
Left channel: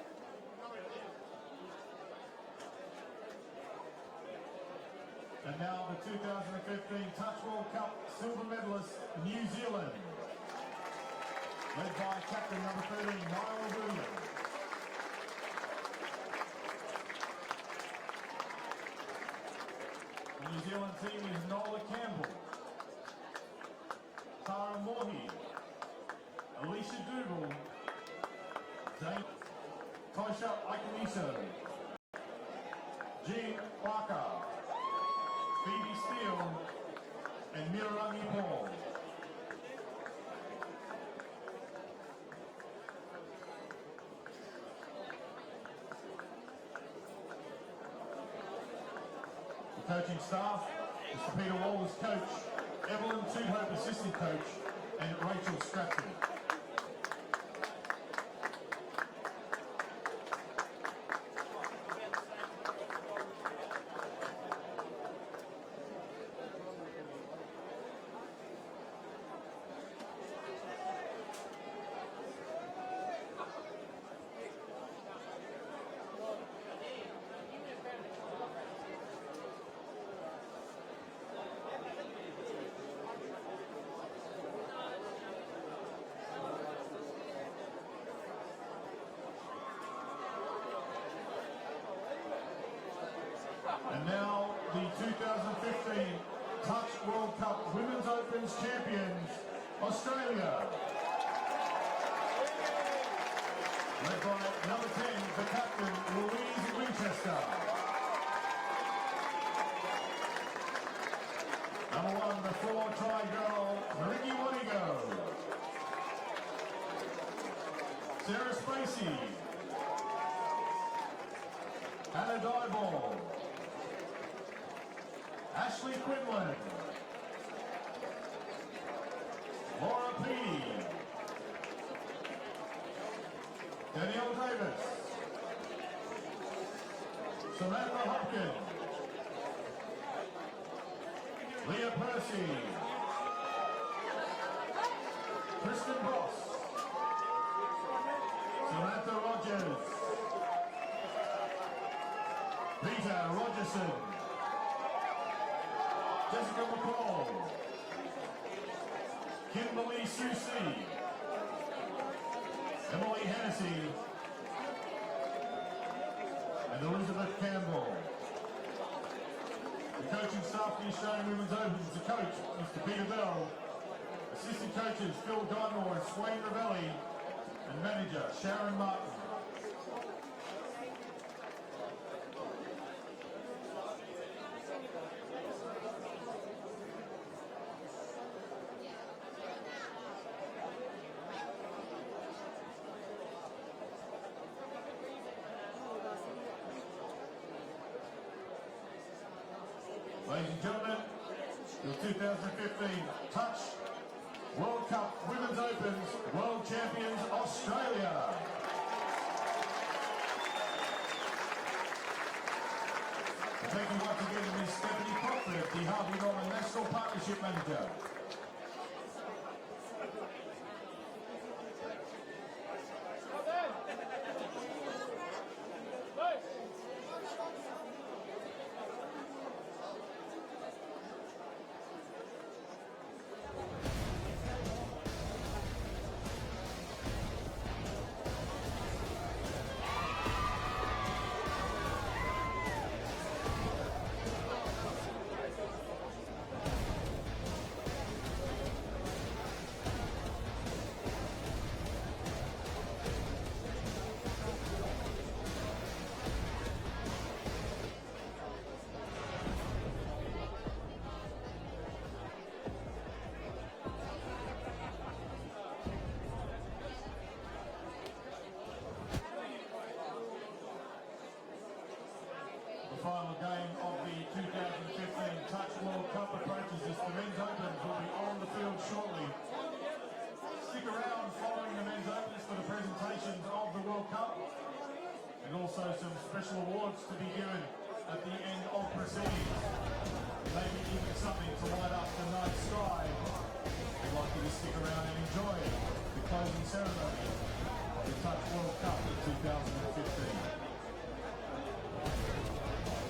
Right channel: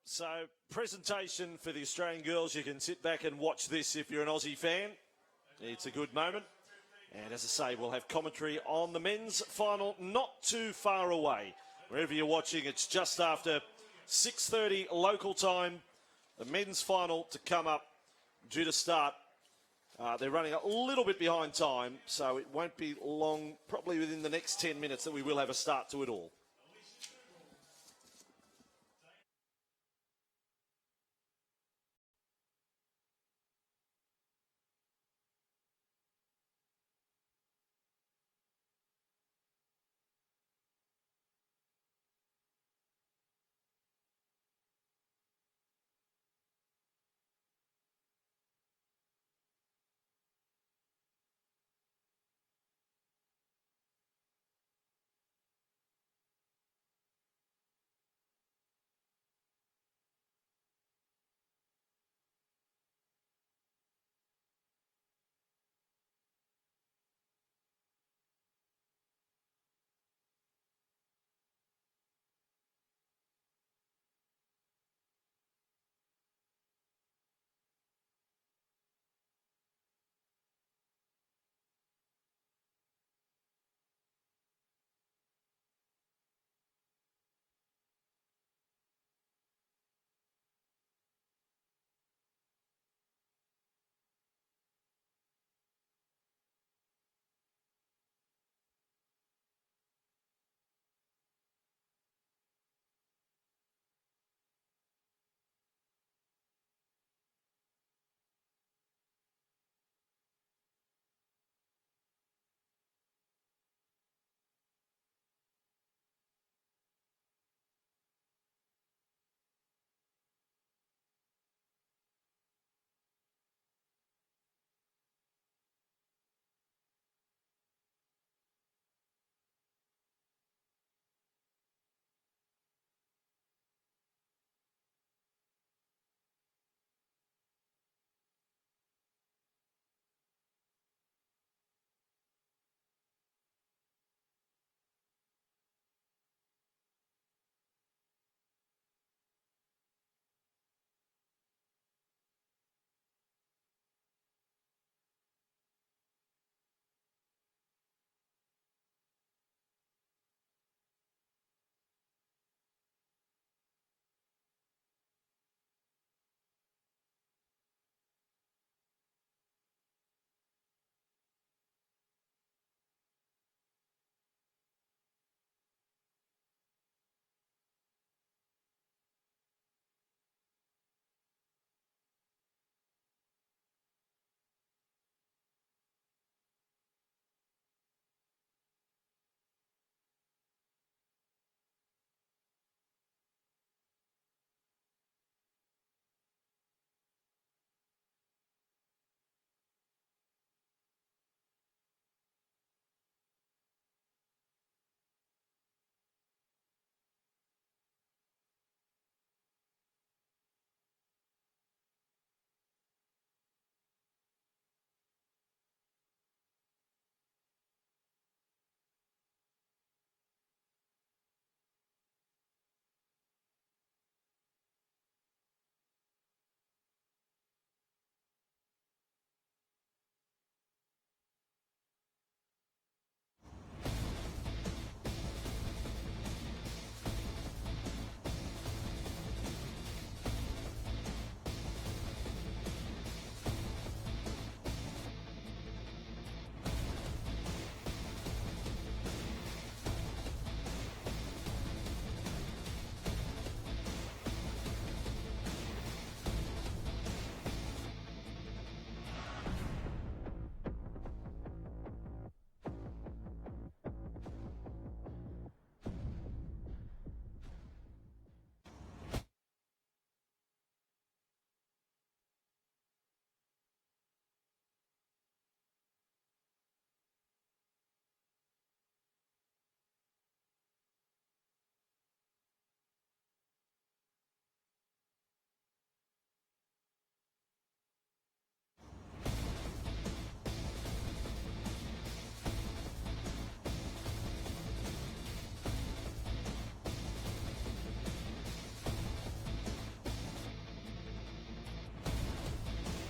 So, presentation for the Australian girls. You can sit back and watch this if you're an Aussie fan. It's a good moment. And as I say, we'll have commentary on the men's final not too far away. Wherever you're watching, it's just after 6:30 local time. The men's final to come up, due to start. They're running a little bit behind time, so it won't be long, probably within the next 10 minutes, that we will have a start to it all. Alicia Dougal, Tosha Aikaniso, Jean Barker, Phoebe Steele, and Mirarangi Paul. The coaching staff, Mr. Peter Waller's coach, Evelyn Tudhope assistant coach, and Rachel Stratton. And now the 2015 Touch World Cup Women's Opens champions, Australia. Led by number 10, the captain, Louise Winchester. Number 1, the 4-try girl, Ricky Wanigo. Sarah Spacey. Hannah Dyball. Ashley Quinlan, Laura Peedy, Danielle Davis, Samantha Hopkins, Leah Percy, Kristen Boss, Samantha Rogers, Peter Rogerson, Jessica McCall, Kimberly Susie, Emily Hennessy, and Elizabeth Campbell. The coaching staff for the Australian Women's Opens, the coach, Mr. Peter Bell, assistant coaches Phil Dymore and Swain Ravelli, and manager Sharon Martin. Ladies and gentlemen, your 2015 Touch World Cup Women's Opens World Champions Australia. Taking once again in this Championship Manager. The final game of the 2015 Touch World Cup approaches as the men's opens will be on the field shortly. Stick around following the men's opens for the presentations of the World Cup and also some special awards to be given at the end of proceedings. Maybe even something to light up the night sky. I'd like you to stick around and enjoy the closing ceremony.